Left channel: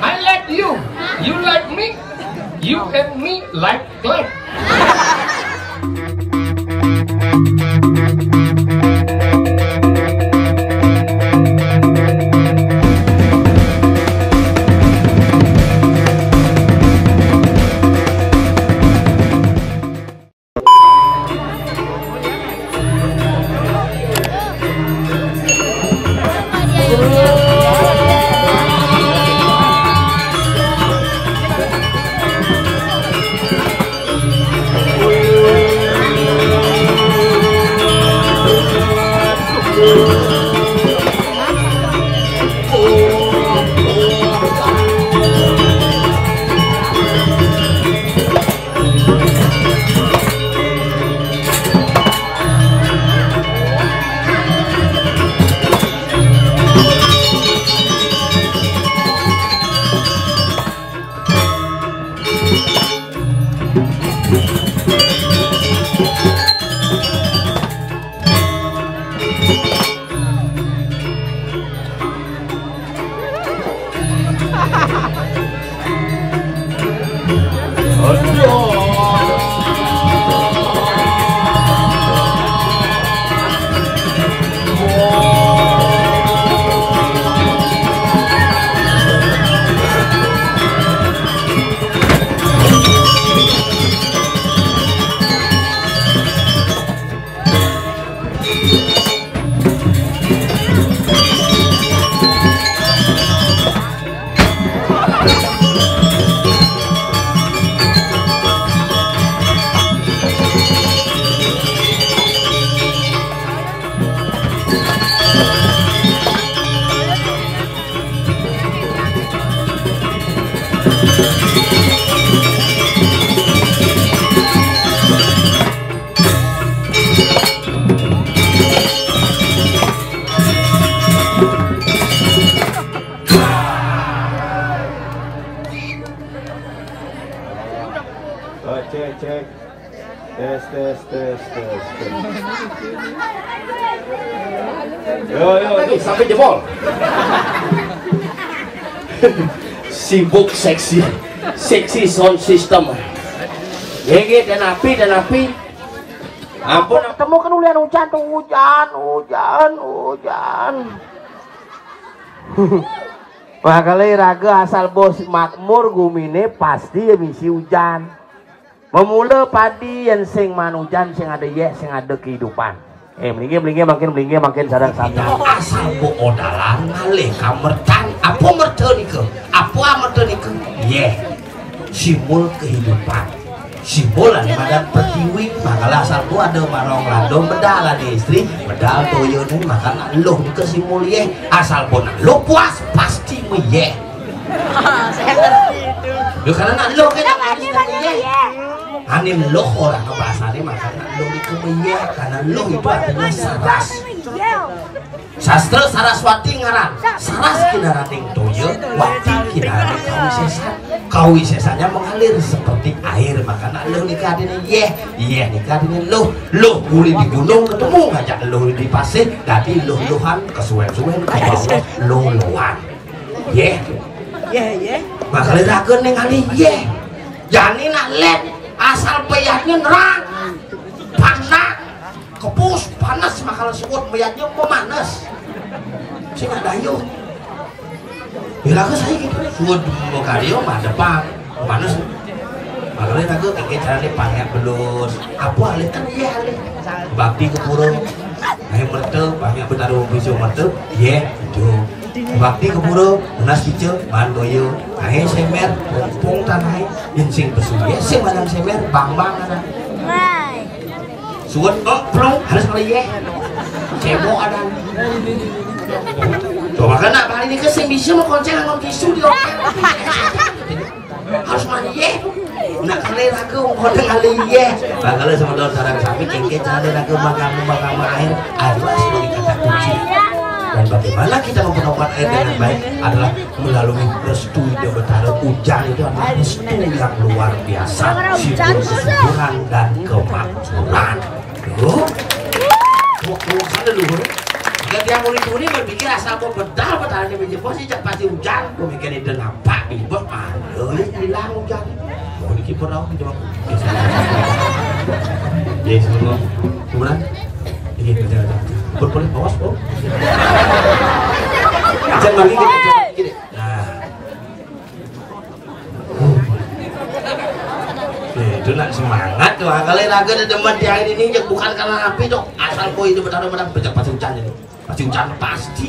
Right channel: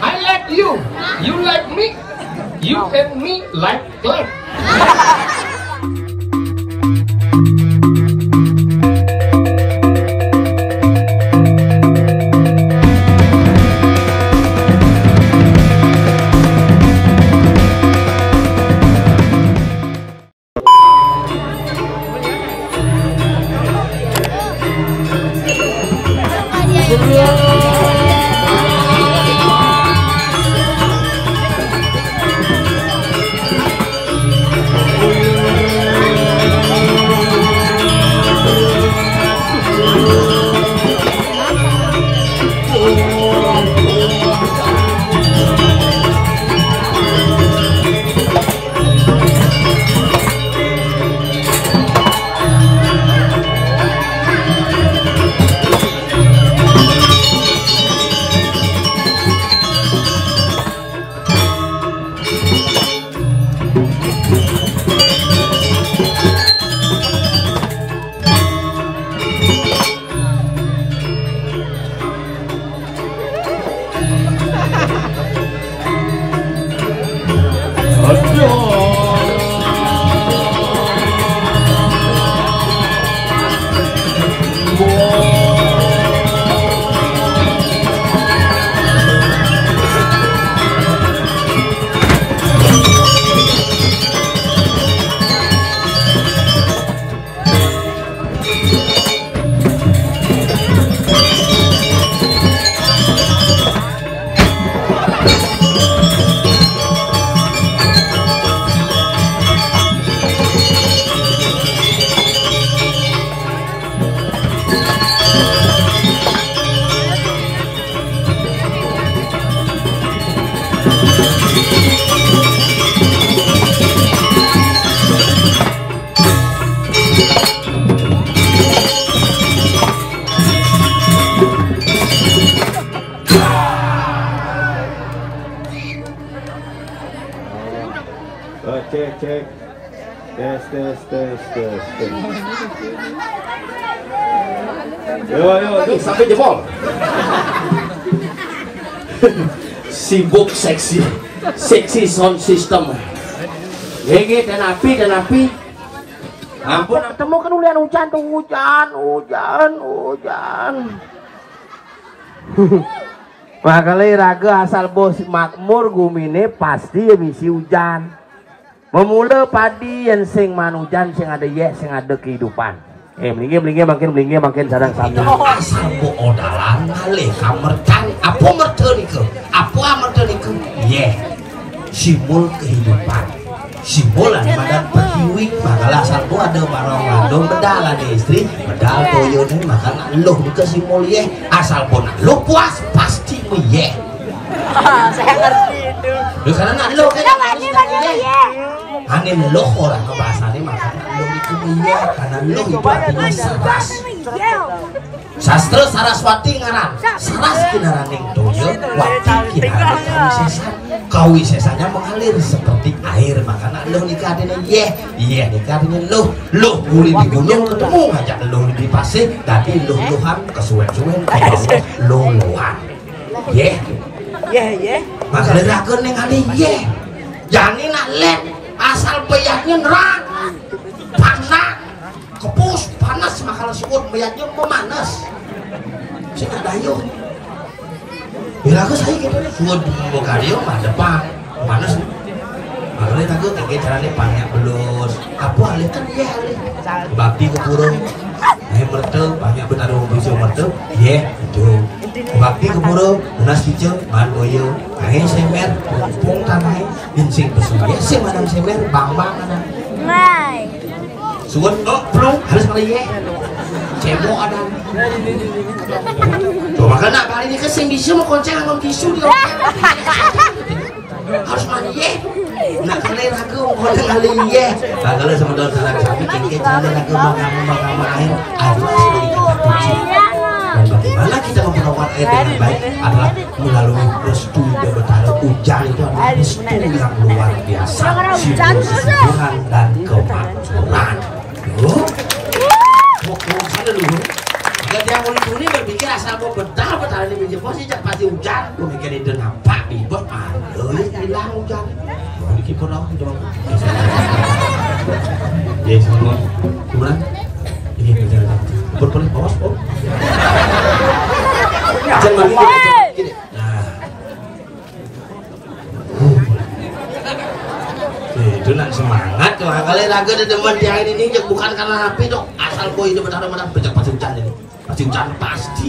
I like you. You like me. You and me like clap. Cek tes. Yo Sampai jebol. Sibuk seksi sound system. Gege dan api. Ampun, Temu kan ulian hujan tuh hujan. Wah kali raga asal bos makmur gumine pasti emisi hujan. Memula padi yang sing manujan sing ada sing ada kehidupan. Melingge makin sadang-sadang. asal bo odalan ngalih kamertan apa mertenike simbol kehidupan, simbolan madan petiwi makalah asal tu ada barong landong bedal ada istri bedal toyo nih makan loh ke simbol asal pun lo puas pasti saya ngerti itu karena lo kan anim loh orang bahasanya makan loh itu karena loh itu artinya saras. Sastra Saraswati ngaran saras kinaraning toyo wati kinaraning kawisesanya mengalir seperti air makanya loh nikah ini nikah ini loh guli di gunung ketemu ngajak loh di pasir tapi lohan kesuwen-suwen kayak lohan makanya ragu ningali jangan lihat asal peyaknya nerang panas kepus panas makal suut peyaknya pemanas sih nggak dayo bila aku saya gitu suut mau karyo mah depan panas makanya aku kayak caranya banyak belus apa alih kan bakti ke purung ayo bertel banyak bertaruh bisa bertel itu bakti ke purung benas pice bandoyo ayo semer pompong tanah insing besu sih madam semer bang ada suut belum harus kali cemo ada coba kena kali ini kesing bisa mau konser ngomong tisu di hotel harus mandi nak kali ragu mau kali bakal sementara sarang sami kengke cara ragu makam air lah sebagai kata kunci. Dan bagaimana kita memperoleh air dengan baik adalah melalui restu Ida Betara. Hujan itu adalah restu yang luar biasa, simbol kesuburan dan kemakmuran. Sana dulu. Ketika mau ini berpikir asal mau bedal di meja pos sih pasti hujan. Gue mikirin dengan apa di bos malu ya hilang hujan. Gue di kiper aku coba. Ya semua gimana? Ini kerja. Berpulih bos oh. Jangan gini. Nah. Itu nak semangat tuh kali raga di depan di hari ini bukan karena api dok asal kau itu benar-benar pasti hujan ini pasti hujan pasti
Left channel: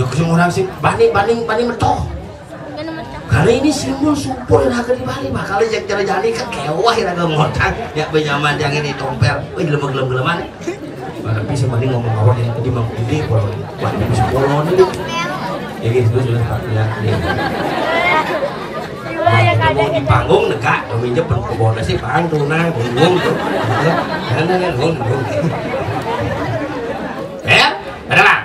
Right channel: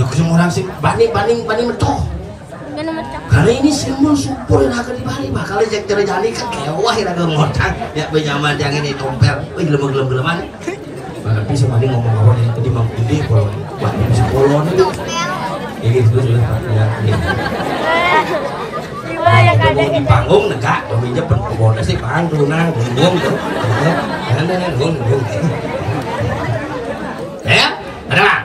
yuk semua orang sih banding metoh kali ini simbol supur raga di Bali bakal yang jadi ke kewah raga ngotang ya benyaman yang ini tompel wih gelem-geleman tapi si banding ngomong awal yang tadi mau gede kalau buat itu sepuluh nih ya gitu sudah ya kita mau di panggung negak, peminjam berkebun sih pang tunang, bunggung tuh, jangan bunggung. Ya, ada lah.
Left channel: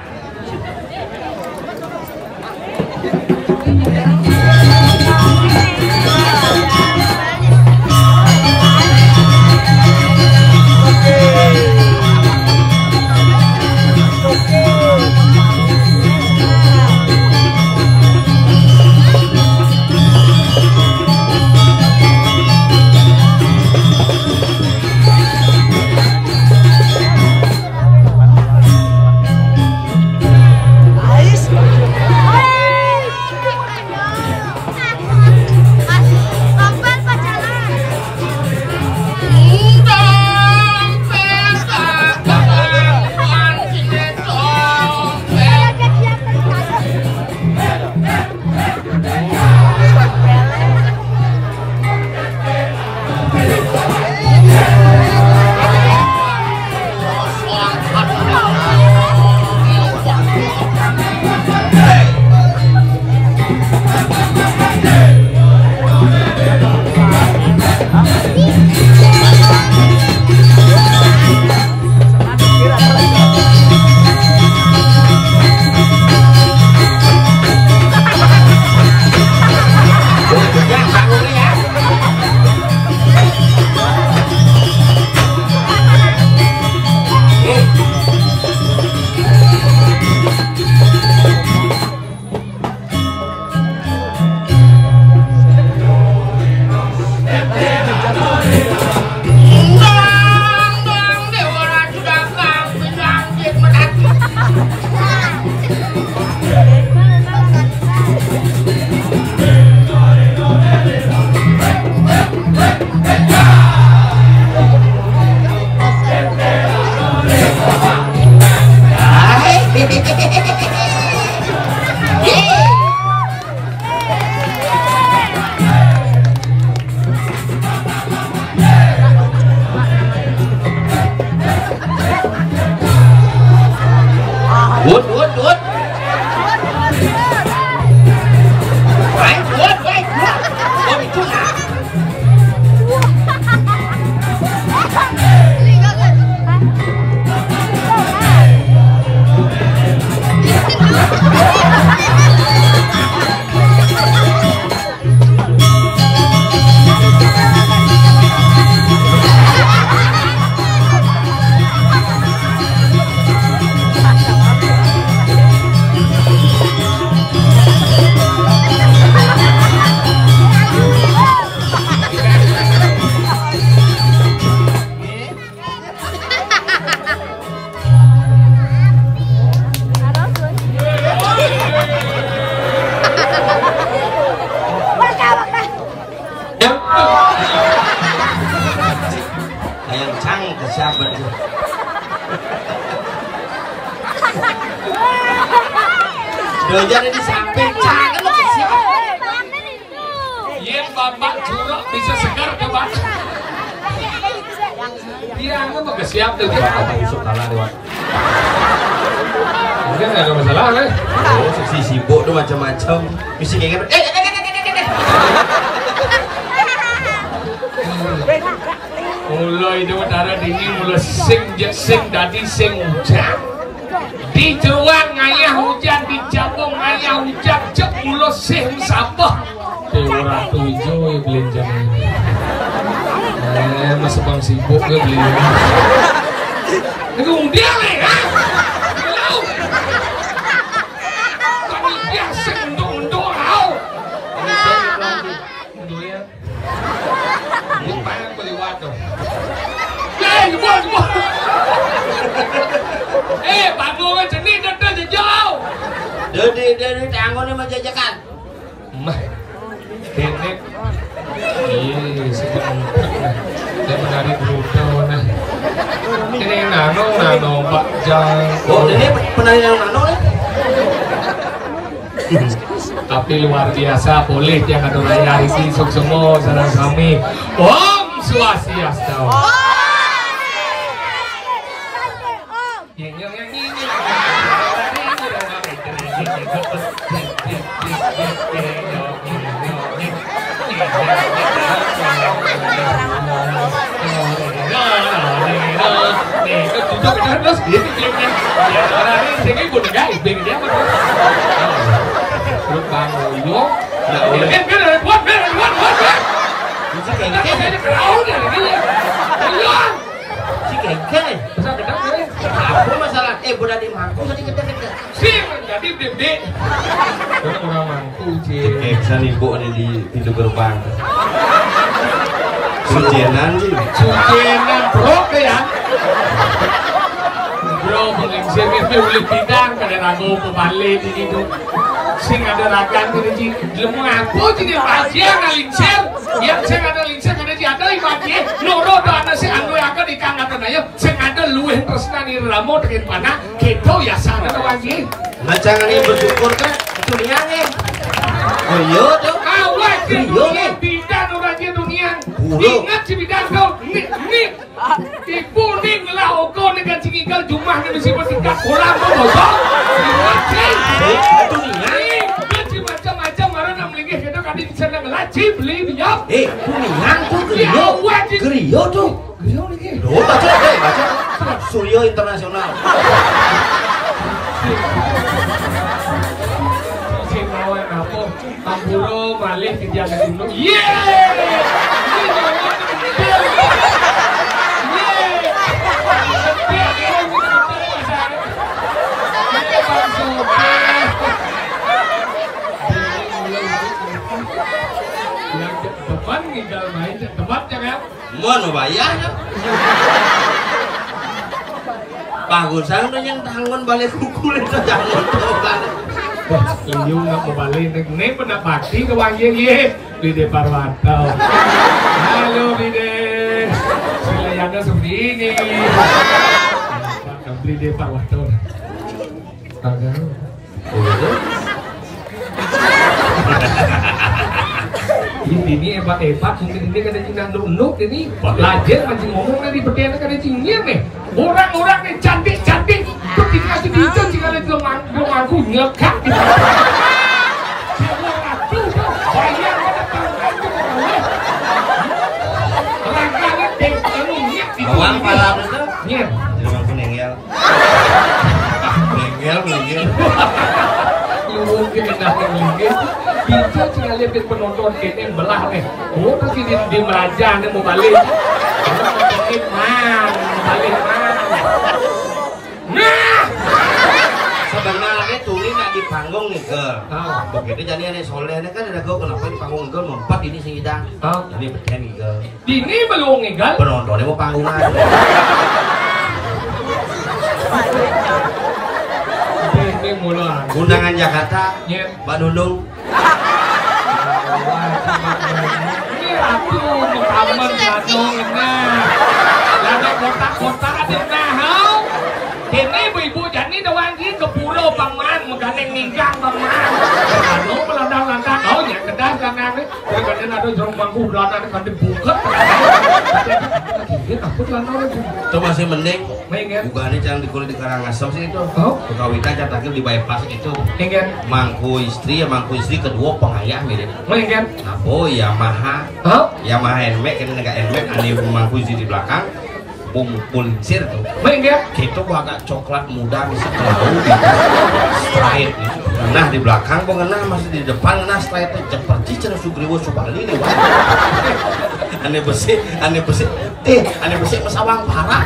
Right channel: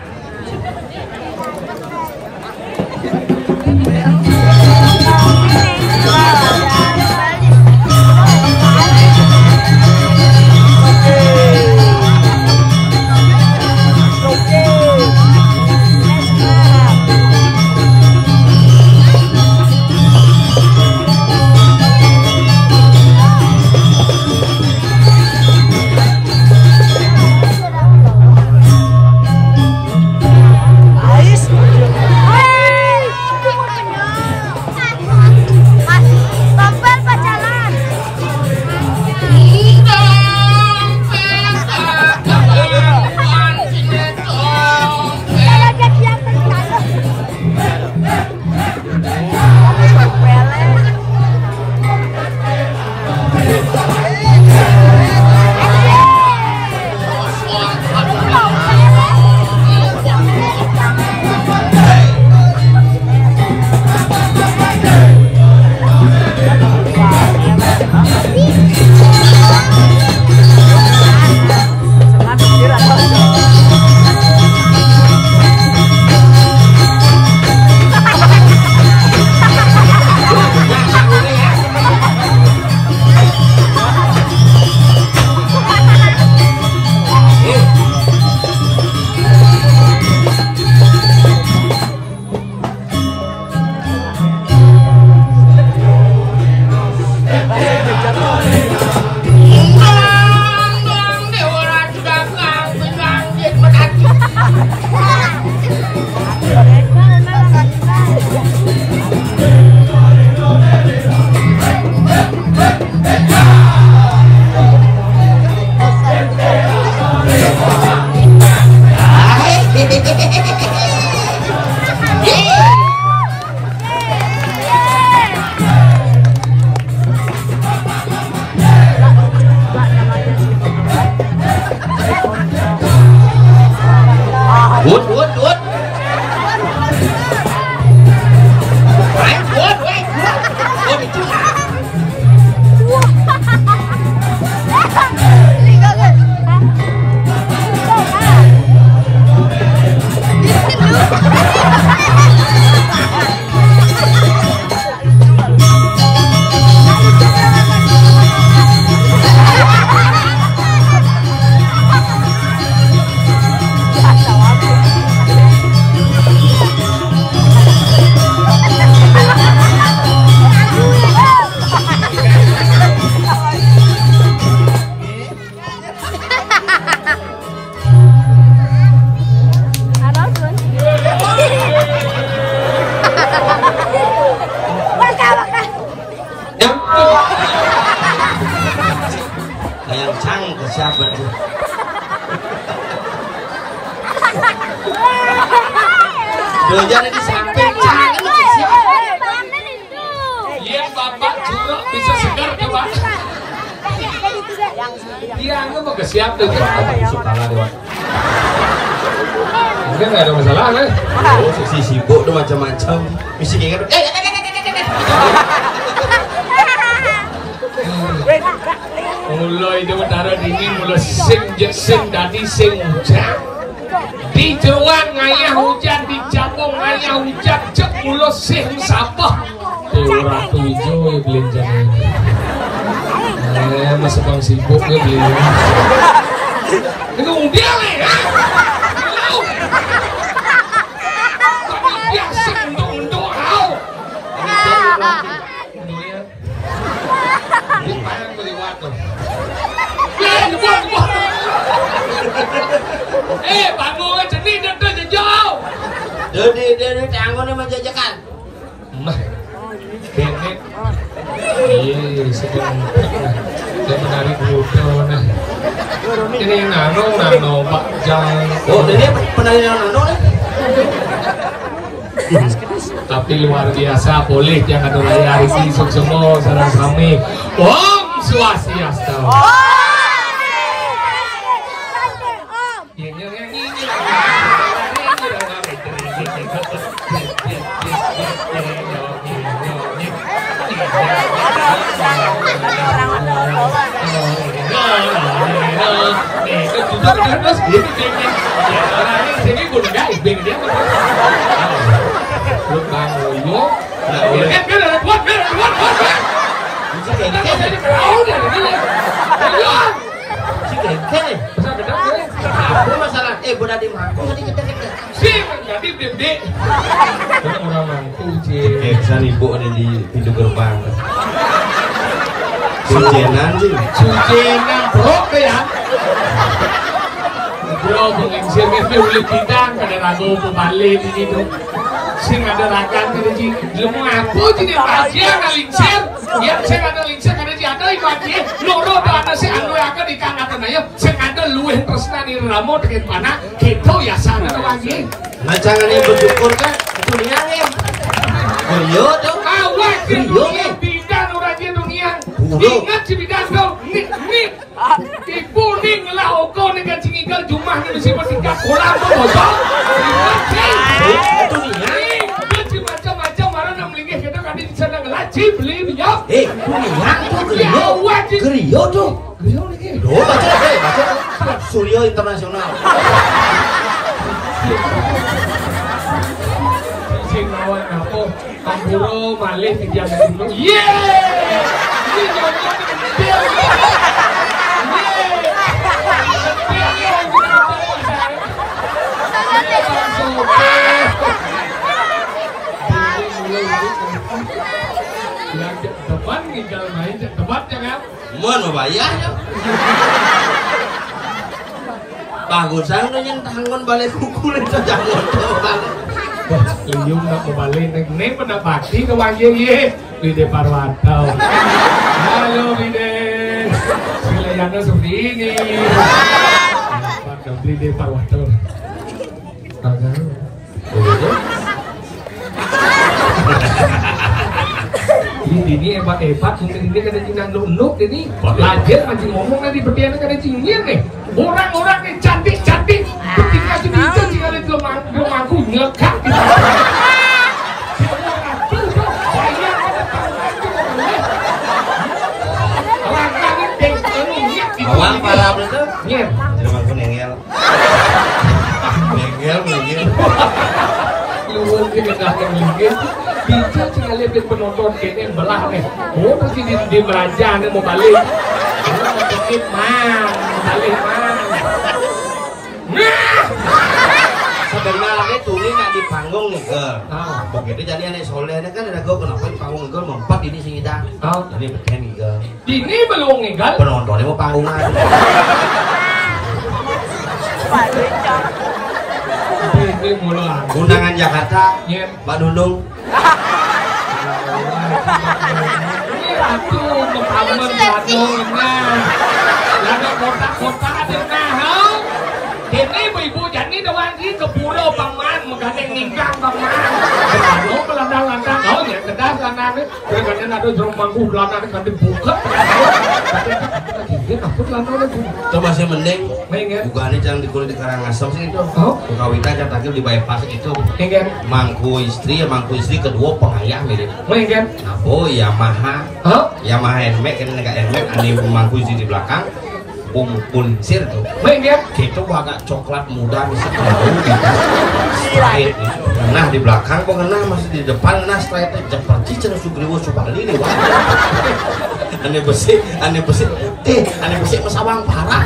Doyan ini samping jangan lo siap. Yang bapak curug bisa segar coba. Dia nggak mau kesiap deh. Bapak besok kalah dewan. Mungkin nggak ada masalah kan? Oh, seksi sibuk tuh macam-macam. Mesti kayak mulai itu darah dini mulai sing dadi sing hujan. Di jeruan ngayah hujan, di jambong ngayah hujan, cek mulo sing sapah. Teora 7 ya belinjang ini. Masih bang sibuk ya belinjang. Ini umpiang nih kan? jebol. Bangun jenis dah jauh. Dari tanggungnya menjajakan. Mah, nenek. Iya, sedang menari bruto nah. Ini nano Pak Jang. Oh, ini penari nano ya? Tapi luar biasa, boleh yang ada layar ini semua sarang kami. Om Swastiastu. Apa masalah? Budak di mangku tadi kita. Sih, jadi gede. Kita orang mangku, Cik. Kesan ibu ada di pintu gerbang. Sujenan sih. Sujenan bro ya. Bro, menginsir ini ulit bidang pada ragu pebalik ini tuh. Sing ada rakan tadi lemu apa jadi baca ngalinsir. Yang saya ada linsir ada di ada ibaci. Noro ada si anu akan ikan atau nayo. Sing ada luwih tresna ni ramo dengan mana kita ya sana tu lagi. Nah jangan ini bersyukur kan itu niangnya. Oh iya tuh. Awak di dunia bidang orang di dunia. Ingat si bidang tu. Nik. Ibu ning lah oko dengan cingikal jumlah ni mesti bertingkat kolam bosok. Ingat sih. Itu niang. Itu macam-macam orang nak melingkih kita kami senang laci beli dia. Itu niang tuh Gerio tuh. Gerio ni. Loh baca. Suryo Internasional. Sinawan ako ang puro malih kejang dulu. Yeay! Ini jangan gede. Yeay! Ini bang soke. Ini mulai yang depan tinggal main depan jangan. Mau bayar? Bagusan udah yang tangan balik kukul itu jangan balik. Wah, Liung nak membalik nek pada bakti ke wangi ye Lide Parwanto. Halo Lide. Silayana seperti ini. Pak Lide Parwanto. Agak. Ini hebat mungkin dia kada cina nuk ini lajar macam ngomong dari berdiana kada cingir nih. Orang-orang yang cantik-cantik ketika jadi itu jika ada gemangku nyekak di sana. Semua ngacu tuh, bayang ada pangkacu orangnya. Rangkanya teknologi. Bawang pala itu? Iya. Jangan aku nengel. Nengel. Lu mungkin dah melingkir. Bincang sih lihat penonton kene belah nih. Oh terus di meraja nih mau balik. Mau balik man. Nah. Sebenarnya tuli nak di panggung nih girl. Begitu jadi aneh solehnya kan ada gue kenapa di panggung girl lompat ini sih dah. Ini beken nih girl. Ini belum nih girl. Penontonnya mau panggungan. Ini mulai. Undangan Jakarta. Mbak Nunung. Ini ratu mengkamen ratu nah. Ada kota-kota ada nahau. Ini ibu-ibu jadi doang di ke pulau Paman menggandeng nikah Paman. Kano melandang-landang oh ya kedas kanan kadang ada jorong bangku belakang kadang buka. Itu masih mending. Juga ini jangan dikulit di Karangasem sih itu. Kawitan yang terakhir di bypass itu. Mangku istri kedua pengayah mirip. Oh Yamaha. Yamaha NMAX kan enggak NMAX ani mangku istri di belakang. Punsir tuh. Itu agak coklat muda bisa bau straight. Nah di belakang pengenah masih di depan nah straight seperti cara Sugriwo Subali lewat. Aneh besi mesawang parah.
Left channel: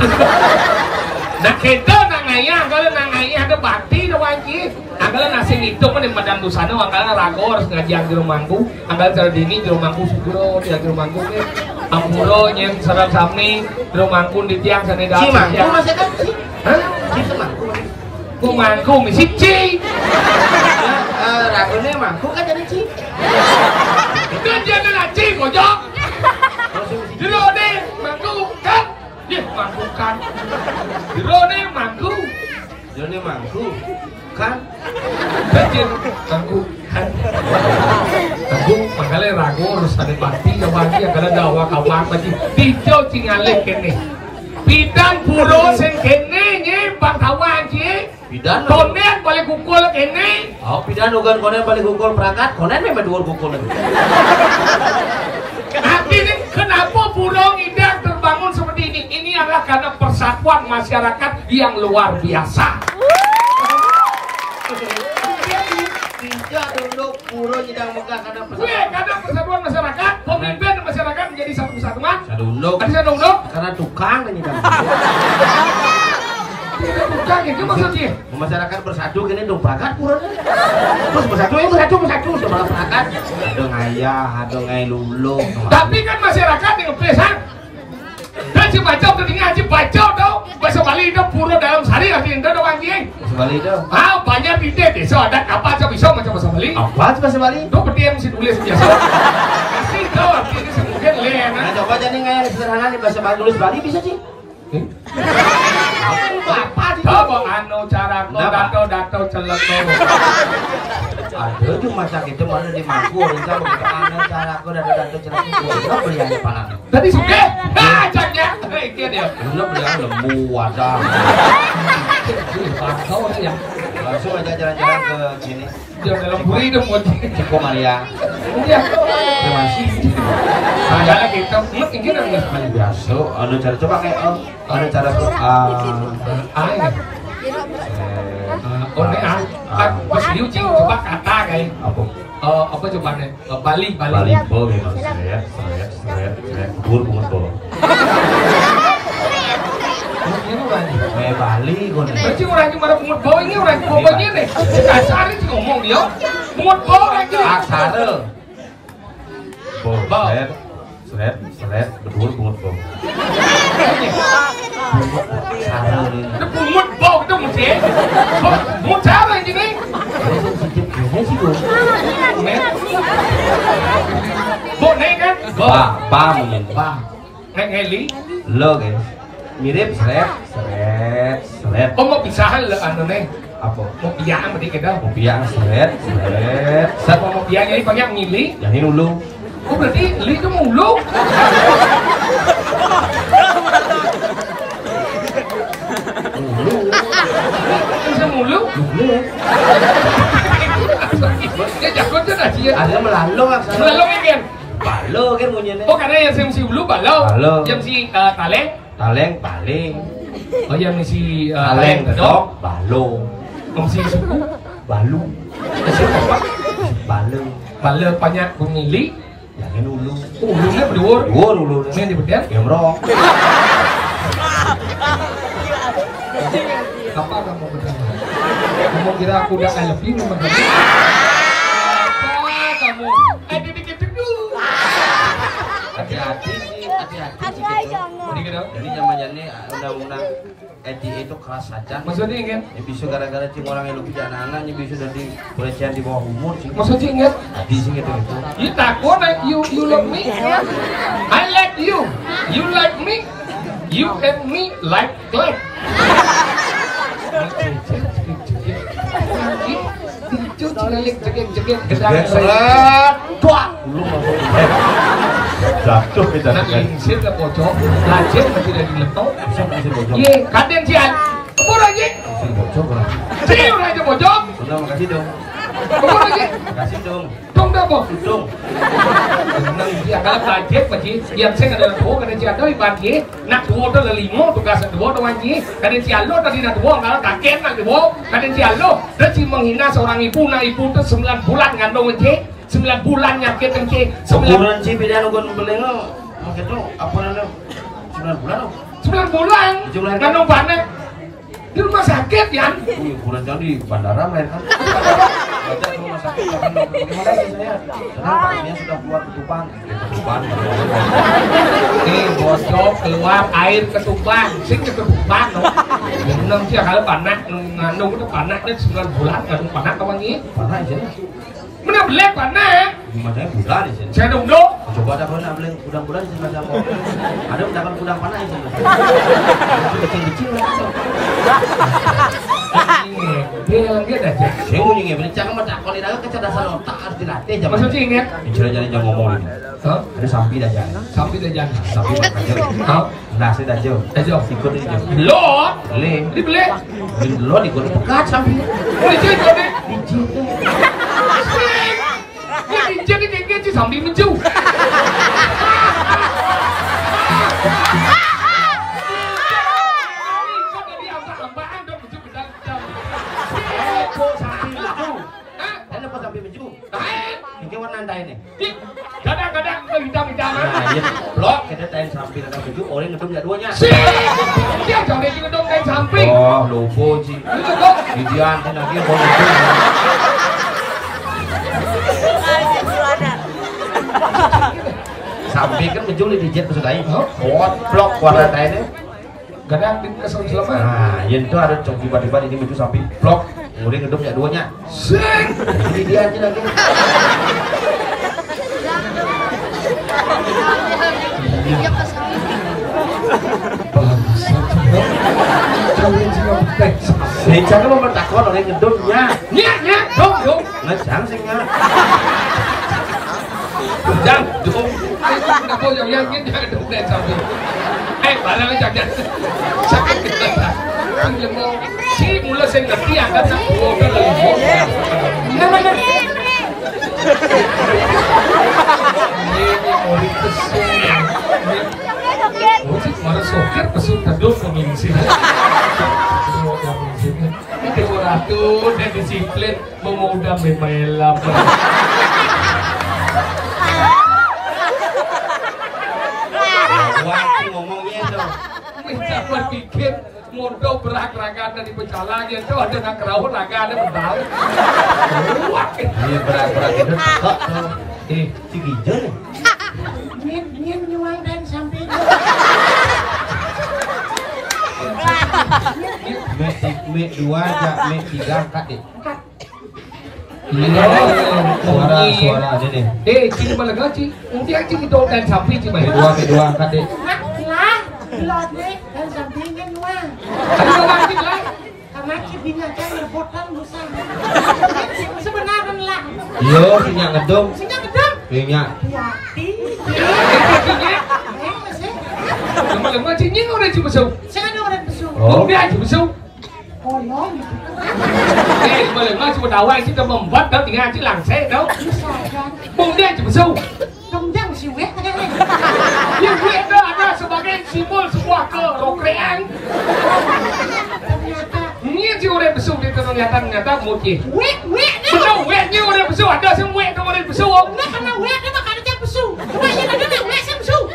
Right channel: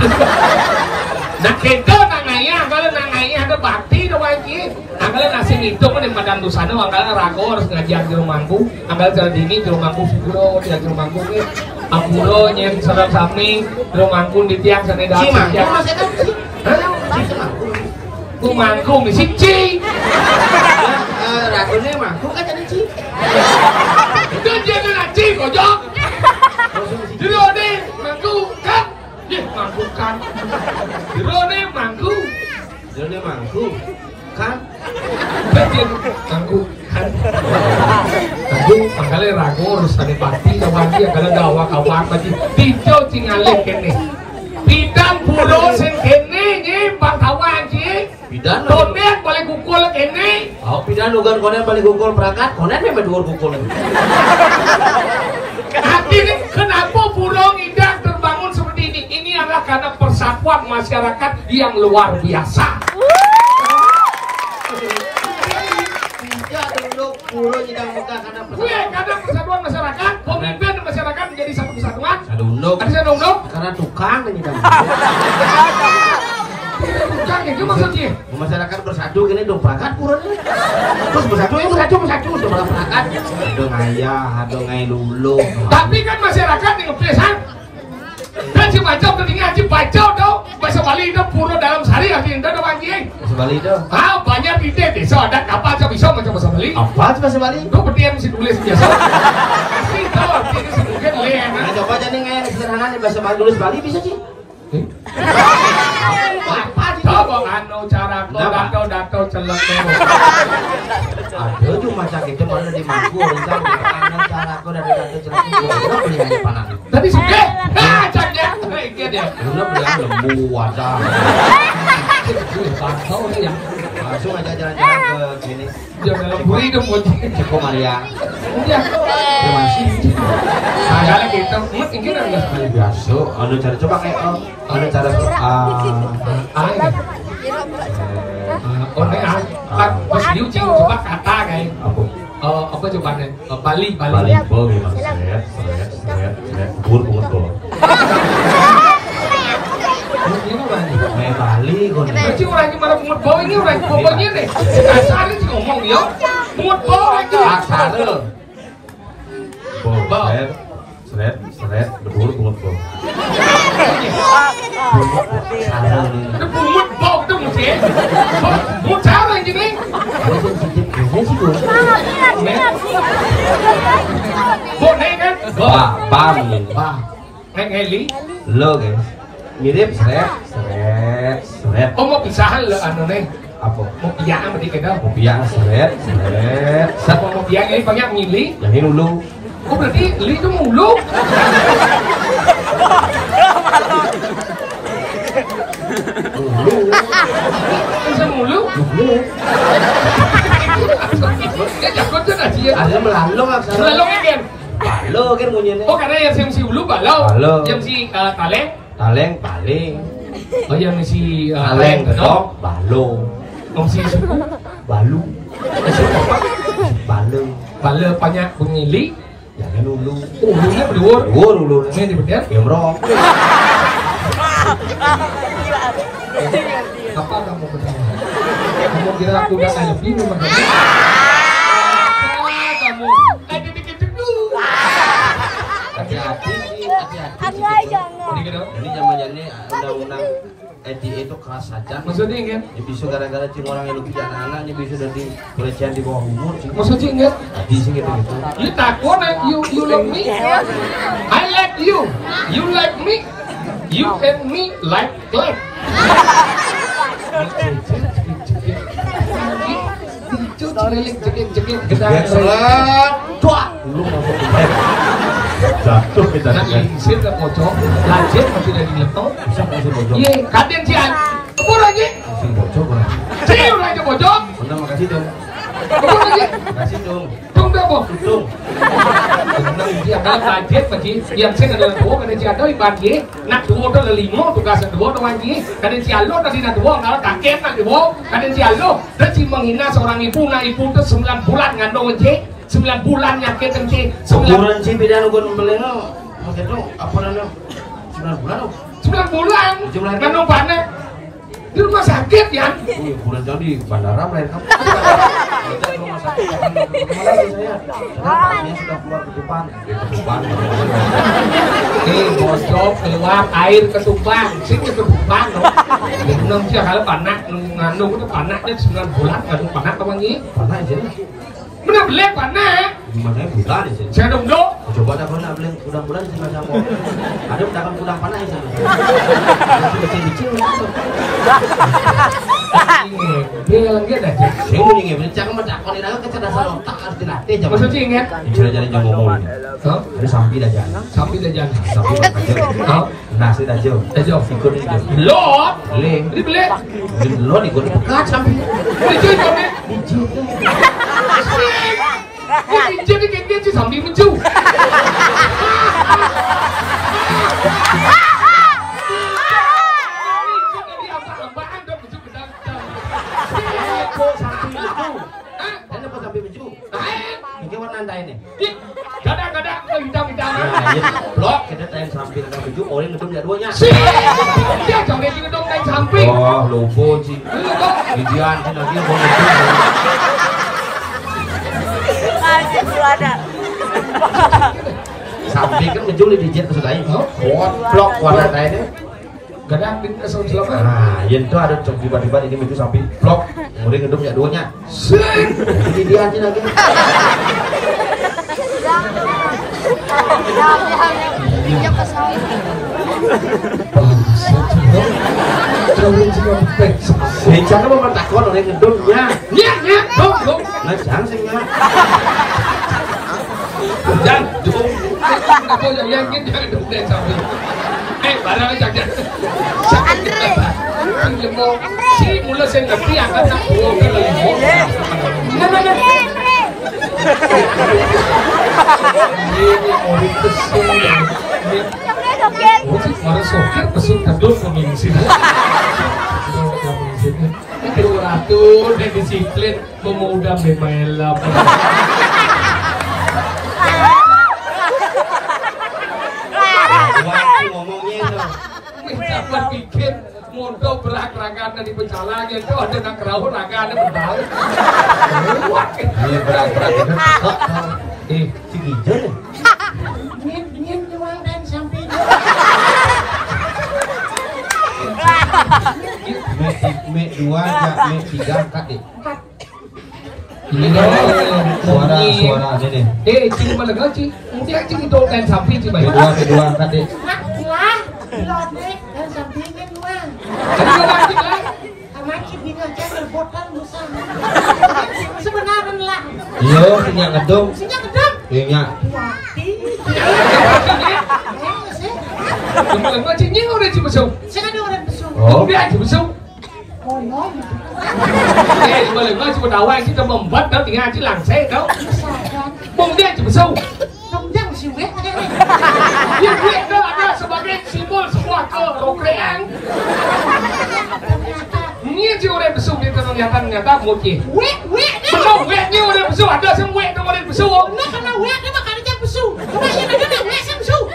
Nah kita nangaya kalau nangaya ada bakti doang ini. anggalan nasi itu kan yang padang dosana anggalan rago harus ngajian di rumahku anggalan cara dini di rumahku sugro di rumahku ke ampuro nyen sarang sami di rumahku di tiang sana dah Si mangku masih kan si. hah Si semangku. rumahku misi ci Ya, ragone mangku kan jadi si. itu jadi naci kocok Dirone mangku kan mangku kan Dirone mangku Jadi mangku kan Bagian mangku kan Tanggu makanya ragu harus ada pasti Kawangi yang dawa kawang bagi Tijo cingalek kene Bidang puro sen kene Bang kawan ci Bidan Konen boleh kukul kene oh pidan ugan konen balik gukul perangkat konen memang dua gukul lagi Hati ini kenapa burung indah terbangun seperti ini? Ini adalah karena persatuan masyarakat yang luar biasa. tidak dulu pulau tidak Mekah karena Karena persatuan masyarakat, pemimpin masyarakat menjadi satu kesatuan. sadunduk Ada saya dong. karena tukang ini kan Bukan itu maksudnya. masyarakat bersatu gini dong perangkat pulau terus bersatu udah malah perangkat ada ngayah ada ngai lulu Tapi kan masyarakat yang pesan. Dan si baca udah ngaji baca dong. Bahasa Bali itu pulau dalam sehari nanti itu dong anjing. bahasa Bali itu Banyak ide desa ada apa aja bisa macam bahasa Bali. apa sih bahasa Bali Itu berarti yang mesti tulis biasa. Kasih tahu ini sih mungkin lean. nah coba jadi ngai sederhana nih bahasa Bali tulis Bali bisa sih apa sih Coba anu cara dato celek ada cuma sakit itu malah di mangku orang kamu gitu aneh cara aku dari datu celak itu udah beli aja panahnya Tadi suka, ajaknya, kayak dia. udah beli yang lembu wajah Pantau nih ya. langsung aja jalan-jalan ke sini Dia melemburi itu mau Ciko Maria Iya. terima kasih Ada kita, mungkin ada kali biasa ada cara coba kayak ada cara ke ya. Oh ini pas liu cing coba kata kayak apa coba nih Bali Bol memang seret bur bukan bol. Ini Bali. kayak Bali kok nih Berarti orang yang mana pungut bau ini orang yang bau ini kasar sih ngomong ya pungut bau lagi aksara Bol seret bedur bukan bol. aksara nih itu pungut bau itu mesti pungut cara yang gini ini sensitif gini sih gue boneng kan Pa mungkin. Pak ngeli Lo guys. mirip Seret. oh mau pisahan lo anu nih Apa? mau biang tadi kita Kopiang seret. siapa mau biang ini banyak ngili Yang ini dulu. oh berarti li itu mulu dulu bisa mulu dia jago tuh nasi ya ada melalung aksara selalu ingin balo kan punyanya oh karena yang si ulu balau Balau. yang si taleng Taleng paling. oh yang si Taleng kedok balo. yang si suku Balu. si apa Balo. balau banyak pengili Jangan dulu. ulunya berdua Dua dulu. ini dibetul Gemrong. apa kamu bertanya kamu kira aku udah kayak bingung sama kamu apa kamu dikit dulu hati-hati sih hati-hati sih gitu dikit dong jadi zamannya undang-undang EDA itu keras saja maksudnya ingat ya bisa gara-gara cing orang yang lebih anak-anaknya bisa dari pelecehan di bawah umur sih maksudnya ingat hati sih gitu you takut you love me I like you like me you and me like itu jegek seret tuh lu masuk Jatuh kita. nah insir ke pojok lanjut masih lagi letok bisa masih bocor iya kadang sian apa lagi masih bocor bang cium aja pojok udah makasih dong apa lagi makasih dong dong apa dong senang dia adalah kaget pasti yang saya adalah dua kadang sian itu ibadi nak dua itu ada lima tugas dua itu manji kadang sian lo tadi nak dua kalau kaget nak dua kadang sian lo dan si menghina seorang ibu nak ibu itu 9 bulan ngandung manji 9 bulan nyakit manji 9 ukuran sih beda nugon beleno makanya tuh apa namanya 9 bulan 9 bulan ngandung panen Di rumah sakit ya? Bulan jauh di bandara mereka. Baca ke rumah sakit kan bagaimana sih saya? Tenang Pak, istrinya sudah keluar ketupan. Ketupan. Bocok keluar air ketupan, sing ketupan no. Nung sih kalau panak nung itu panaknya 9 bulan nggak panak apa nih? Panak aja nih. Mana boleh panak? Gimana bulan di sini? Saya dong dong. Coba ada mana boleh udang-udang di sana kok. Ada jangan udang panah itu. Kecil-kecil Dia lagi ada aja. saya mau nih beli jangan macam kalau ini kecerdasan otak harus dilatih jangan. Maksudnya ingat? Jadi jangan ngomong ini. Ada sapi dah jangan. Sapi dah jangan. Sapi berkacau. Nasi dah jauh. Sikut ini jauh. Lo? Le. Ini beli? Lo di gua pekat sapi. Oh dijit kan? Dijit tuh. Dijit ini dia sih sapi menju. Kadang-kadang hitam-hitam. Nah, iya blok kita tain samping dan baju orang ngedum ya duanya. Dia jauh dari ngedum tain samping. Oh, lupa sih. Bidian sih lagi mau ngedum. Samping kan baju di dijit kesudain. Kuat blok warna kainnya. Kadang di asal selama. Nah, itu ada cok tiba-tiba ini baju samping blok. Orang ngedum ya duanya. Bidian sih lagi. Saya mau bertakon orang ngedumnya. Nya, dong. Macam sih nggak. Jangan cukup. Aku yang ini ngedum tain samping. Barang jangan. Sakit kita. Ini mau si mula saya ngerti akan nak buat lebih. Mana? Ini mau dipesung ya. Ojek marah sokir pesung kadus komisi. Itu ratu dan disiplin memudah memelam. Waktu ngomongnya tuh. Minta buat bikin modal berak-rakan di pecalannya itu ada nak kerau rakannya mental. Wah, Ini berak-berak itu. Si Gijon nih. Ngin nyuang dan sampai Me 2 aja, me 3 angkat deh. Suara ada deh. Cing malah gaji. Mungkin cing itu dan sapi cing Me 2 angkat deh. lah pilotnya dan sampingnya nyuang Ada orang cing lah. sama bingung aja ngerbotan bersama sebenarnya lah Yo, sinyak ngedum. sehingga gedung Sinyak. hati masih Cuma lama cingnya orang cing besau. saya ada orang besuk Oh. Dia cing besau. kolong gitu Cuma lama cuma dawai cing dah membuat dah tinggal cing langsai dah. misalkan Bung dia cing besau. kemudian si wet Dia ada sebagai simbol sebuah kerokrean. ternyata Ini cing orang besau dia ternyata mungkin. wet Besau wetnya orang besau ada semua wet orang besau. nah karena wet dia makanya dia besuk kemarin ada wet saya besuk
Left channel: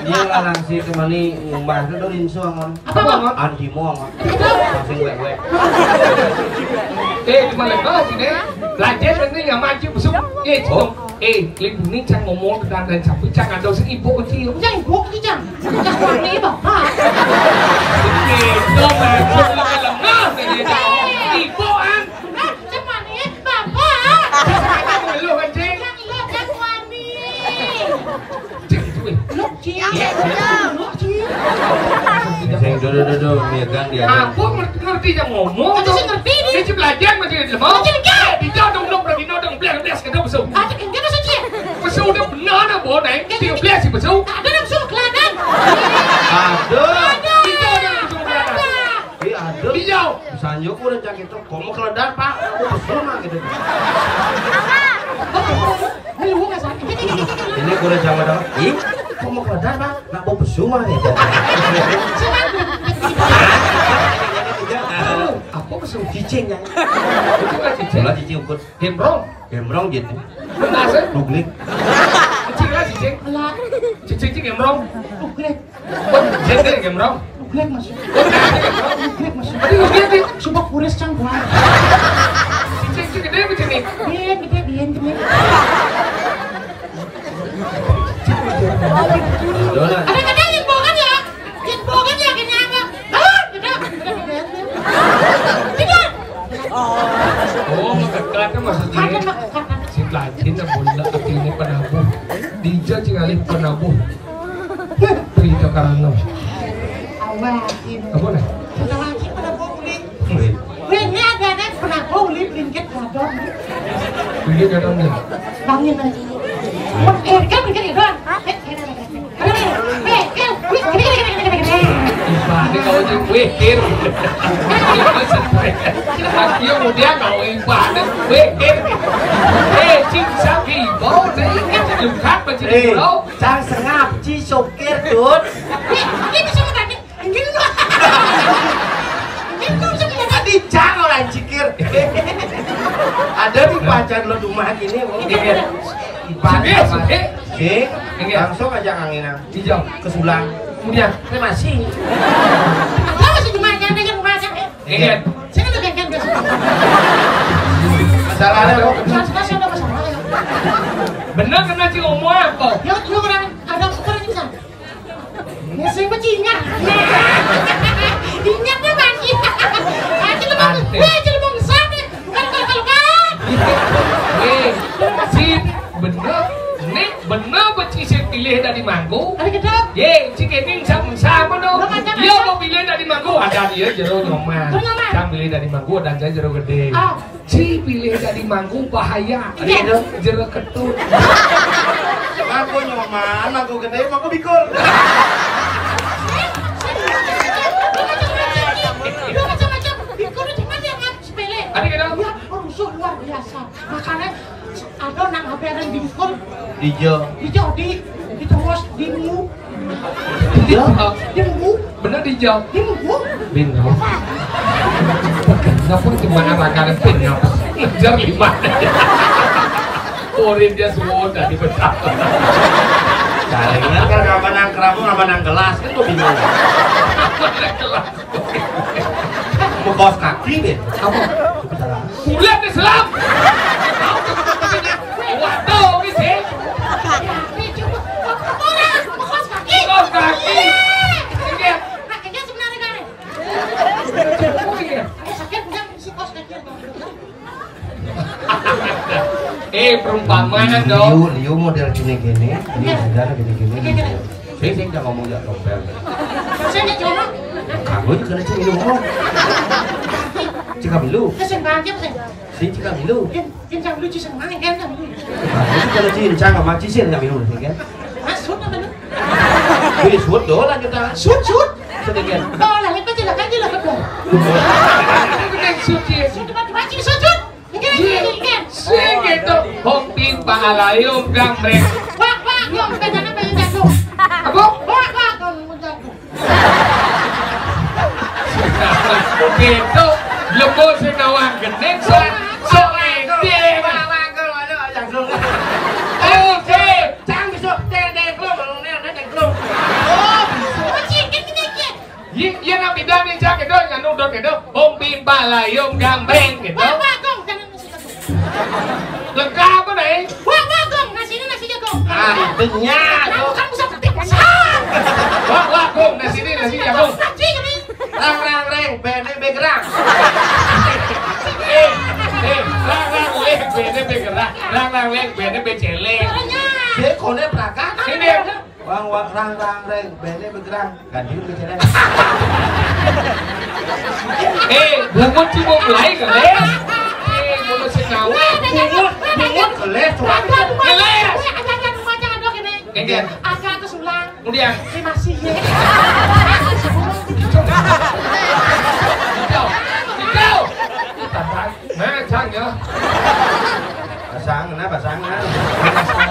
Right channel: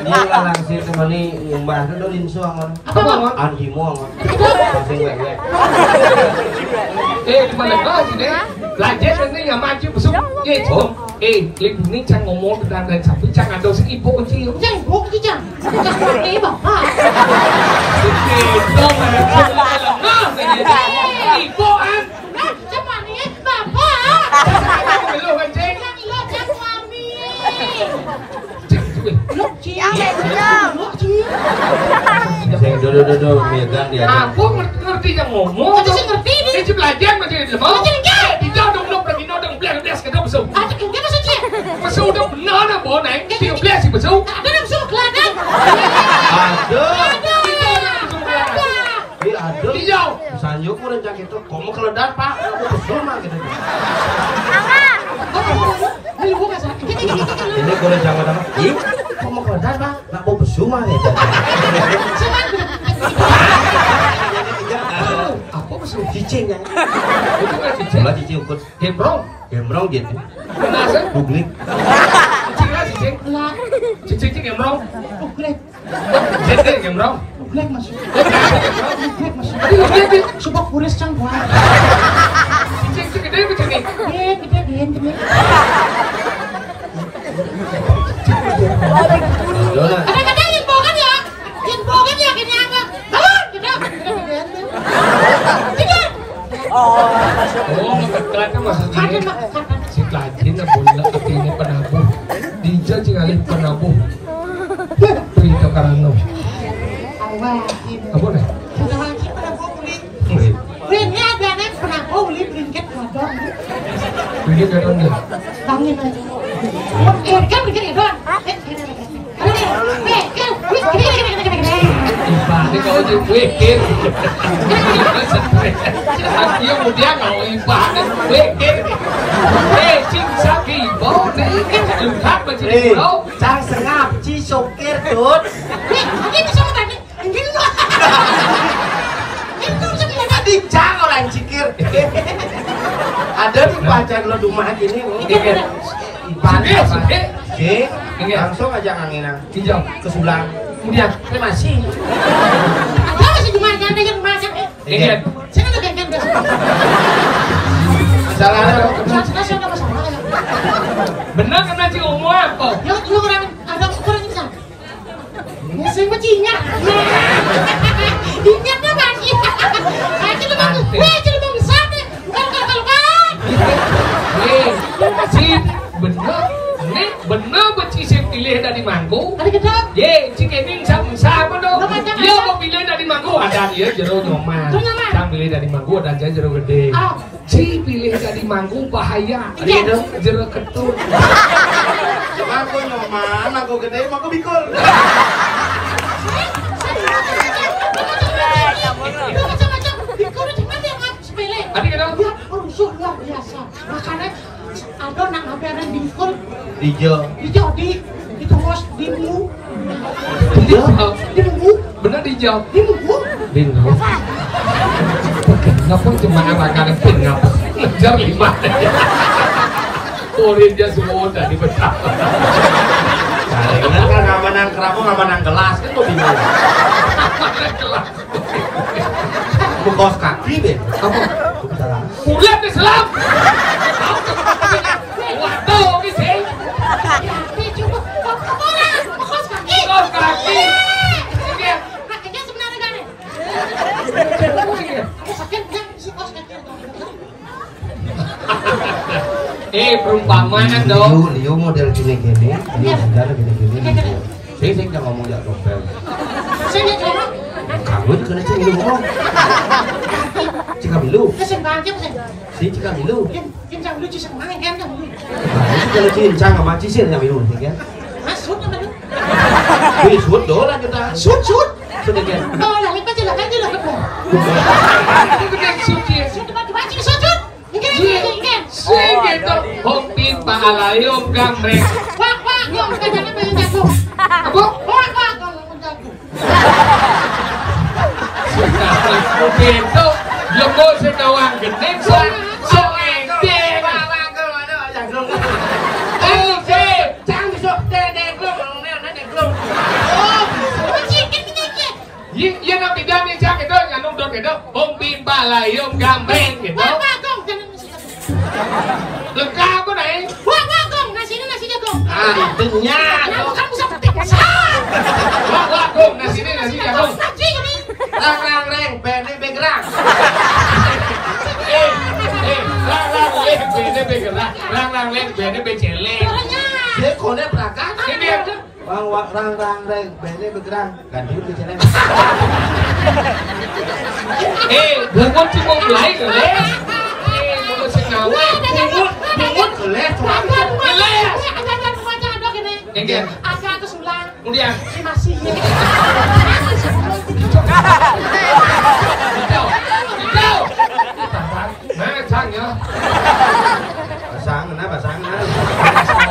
Dia lalang sih cuma nih nyumbang itu dorin suang. apa bang Antimo ngon. Pasing wek-wek. Cuma lama cing deh. Lanjut ini nggak maju besau. Cing. Link ini cang ngomong dan sapi cang ada sing ibu kecil. jangan ibu aja jangan jangan wangi bapak Ibu lemah ibu an. cepat nih bapak Kamu ngeluh kan cing? yang lo yang suami Cang cuy. lo ciang lo ciang Sing dodo megang dia. Aku ngerti yang ngomong. Aku sih ngerti nih. Ini belajar macam ni lemah. Macam ni kan? Bisa dong pergi dong belas kita besau. ada yang dia masuk cie Besau dah benar nak bawa naik. Tinggal belas si besau. ada yang besuk kelihatan Ada. Kita dah besau belas. Iya ada. Hijau. Sanyo ku udah gitu. Kamu keledar Pak. Aku pesona gitu. Hei, lu nggak sakit. Ini gue udah jangan jangan. Ih, kamu keledar Pak. Nak mau pesona ya. Apa besau? Cicing ya. Itu nggak cicing. Lah cicing ukut. Gembrong. Gembrong gitu. Benar sih. Duglik. Cicing lah cicing. Lah, Cicing gembrong. nuglek. Jadi ya bro. Nuglek masuk. Nuglek masuk. Aduh lihat nih. Subak kuris cang gua. Cincin gede begini. Gede. Donat. Kadang-kadang inbokan ya kini apa? Gede. Tidak. Oh mendekat maksudnya. Si pelajin na bola apinya penabuh. Dijo cingalin penabuh. Prito karano. Awakin. Apa nih? Kita lagi pada kulit. Ini ada pernah kulit ringkit gadon. Begini kan nih. Bangin aja. Kan ringkit gadon. Ibadi kalau di wikir. Ayo kemudian kalau ibadah wikir. Cinta kibau nih. Lukat begini bro. Cang sengap ci sopir tut. Ini bisa tadi. Ini loh. Itu sebenarnya. Tadi cang orang cikir. Ada di pacar lo rumah gini. Ibadah apa? Oke. Langsung aja anginan. Hijau. Kesulang. Kemudian Masih. Ada masih cuma yang masak. Ingat. Saya kan udah kan Masalahnya bener kena si umur apa? Yang lu orang ada ukuran ini sama. Ya saya mah cinyak. Cinyaknya lagi. Aja tuh bang. Wah jadi bang besar deh. Kalau Si bener becisir pilih dari manggu. Ada gedang. Ye, si Kevin sama dong. Dia mau pilih dari manggu ada dia jero nyoman. Cang pilih dari manggu dan saya jero gede. Si pilih dari manggu bahaya. Ada jero ketut. Mangko nyoman, mangko gede, mangko bikul. Macam-macam. Bikul itu kan yang sepele. Ada kan? Ya, rusuh luar biasa. Makanya ada nak ngabarin bingkul Dijo. dijadi ditungos dimu Bener dijawab. dimu Bingung. Kenapa cuma anak-anak bingung? Ngejar lima. Korin dia semua udah dibesar. Karena kan ngamenang kerapu, ngamenang gelas kan lo bingung. Bukos kaki deh. Apa? Salah. Bulan Islam. Waduh, ini tapi coba kepala bekos kaki kok kaki. Ini dia. kakinya sebenarnya kan sakit yang si kos kaki Perumpamaan dong. Liu model gini-gini, Liu sejarah gini-gini. Saya jangan ngomong ya topel. saya coba Kamu itu kena cing ngomong. Cika bilu, kesenggak aja pesan si cika bilu. yang lucu senang kan kan Itu kalau cincang sama cisir yang bilu, kan? masuk apa lu Wih, suut dolar kita. sud Sedikit. kalau lah lepas jelas kan jelas betul Itu kan suci. coba sih sud kan Sing gitu. Hong timpa alayom gambreng. wah yang kita jangan pengen jatuh Apa? wah kalau mau jatuh Gitu. Lebo sedawang geneng so edeng. Oke, Cang besok dedek lo, kalau nenek dedek lo. Iya nabi dami cang itu nganu dong gitu. Hong timpa alayom gambreng gitu. wah gong jangan nasi jagung Lengkap apa nih? wah gong nasi jagung Ah, itunya. kamu kan bisa petik besar Wah, gong nasi ini nasi jagung. nasi ini Rang, BNB gerang. Rang leh bene begerak. Rang leh bene beceleng. Dia kone perakan. Ini Rang, BNB bergerang. Ganti bicara. bungut cuma mulai keleh. Mulut sengawa. Bungut keles tuh. ada kesulang Kemudian masih Hijau. Nah, cang ya. Basang,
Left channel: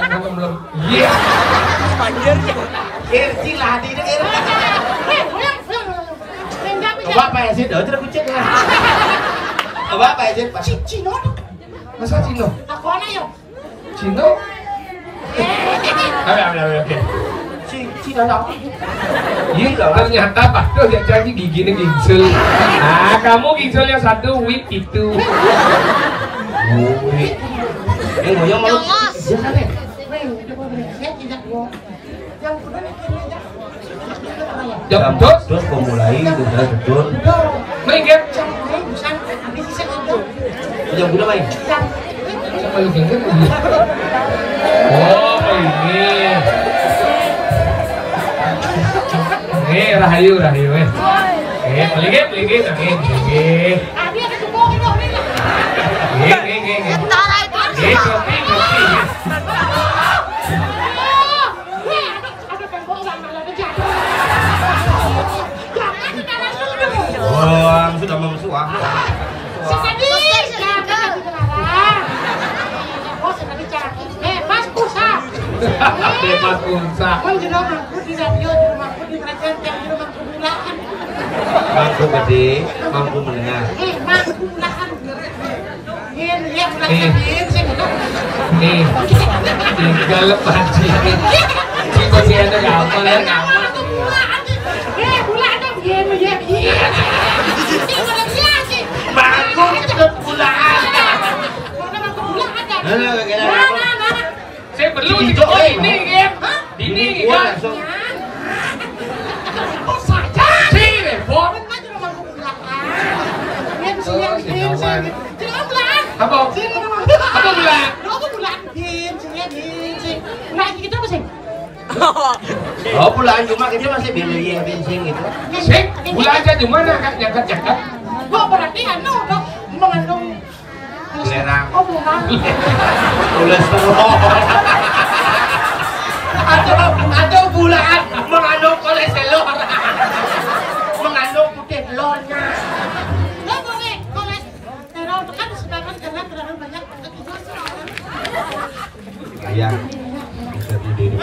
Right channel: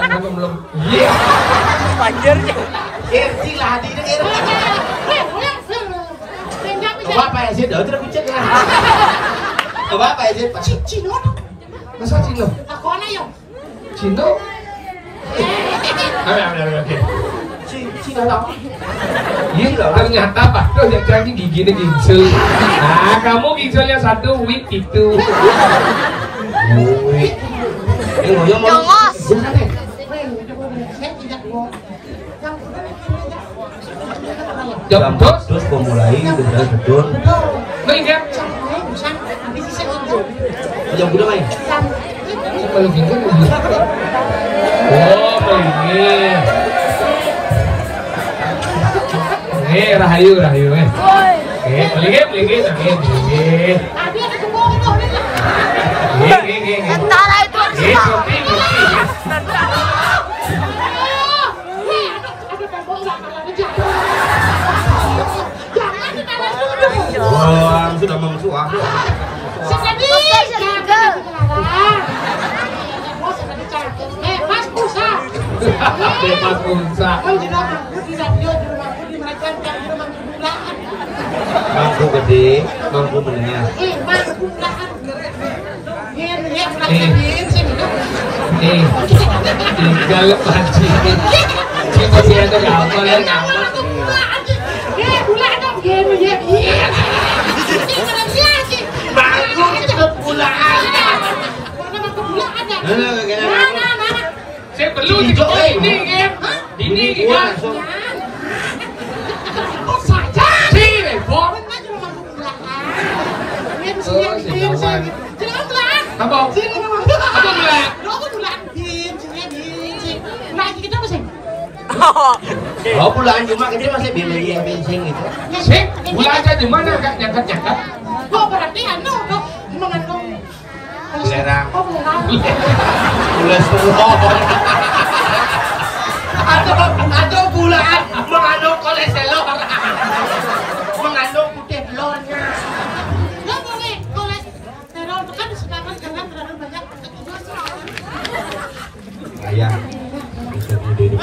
Belum. Iya. Cilah hati dia. Coba apa ya sih? Đỡ cho nó cũng chết nha. Coba apa ya sih? Cino Masa Cino? aku aneh ya Cino? Ada. si dalam. Ternyata Pak Do yang jadi giginya gincel. Nah, kamu gincelnya satu, wit itu. Wih. Ngoyong malu. Jangan deh. Saya tidak mau. Yang udah tidak. Jam Terus memulai dengan betul. Betul. main kan? Jam lain bukan habis saya itu. Jam udah main. Jam. Main kan? Oh ini. Rahayu paling lagi. Abi ada semua itu. Ngerti. Oh, sudah bersuah. Sekali jangan dilarang. Oh, sekali jangan. Bebas pulsa. Bebas pulsa. Oh, di rumahku di radio, di rumahku di mereka di rumah kemudahan. Mampu gede, mampu mendengar. Mampu mudahan. Iya, mudahan sing. Nih, tinggal panci. Ini masih ada apa ya? Bagus cepet pulang. Saya perlu ini game. Ini langsung. Sini, Bob. Apa? Apa bilang? Oh pulang cuma kita masih beli bensin gitu. Sih, bulan aja cuma agak nyangkat. Oh berarti anu dong, mengandung Belerang. Oh belerang. Kolesterol. Atau bulan mengandung kolesterol. Mengandung putih telurnya. Nggak boleh kolesterol kan sekarang jangan terlalu banyak makan itu. Ayah. Bisa beli dulu.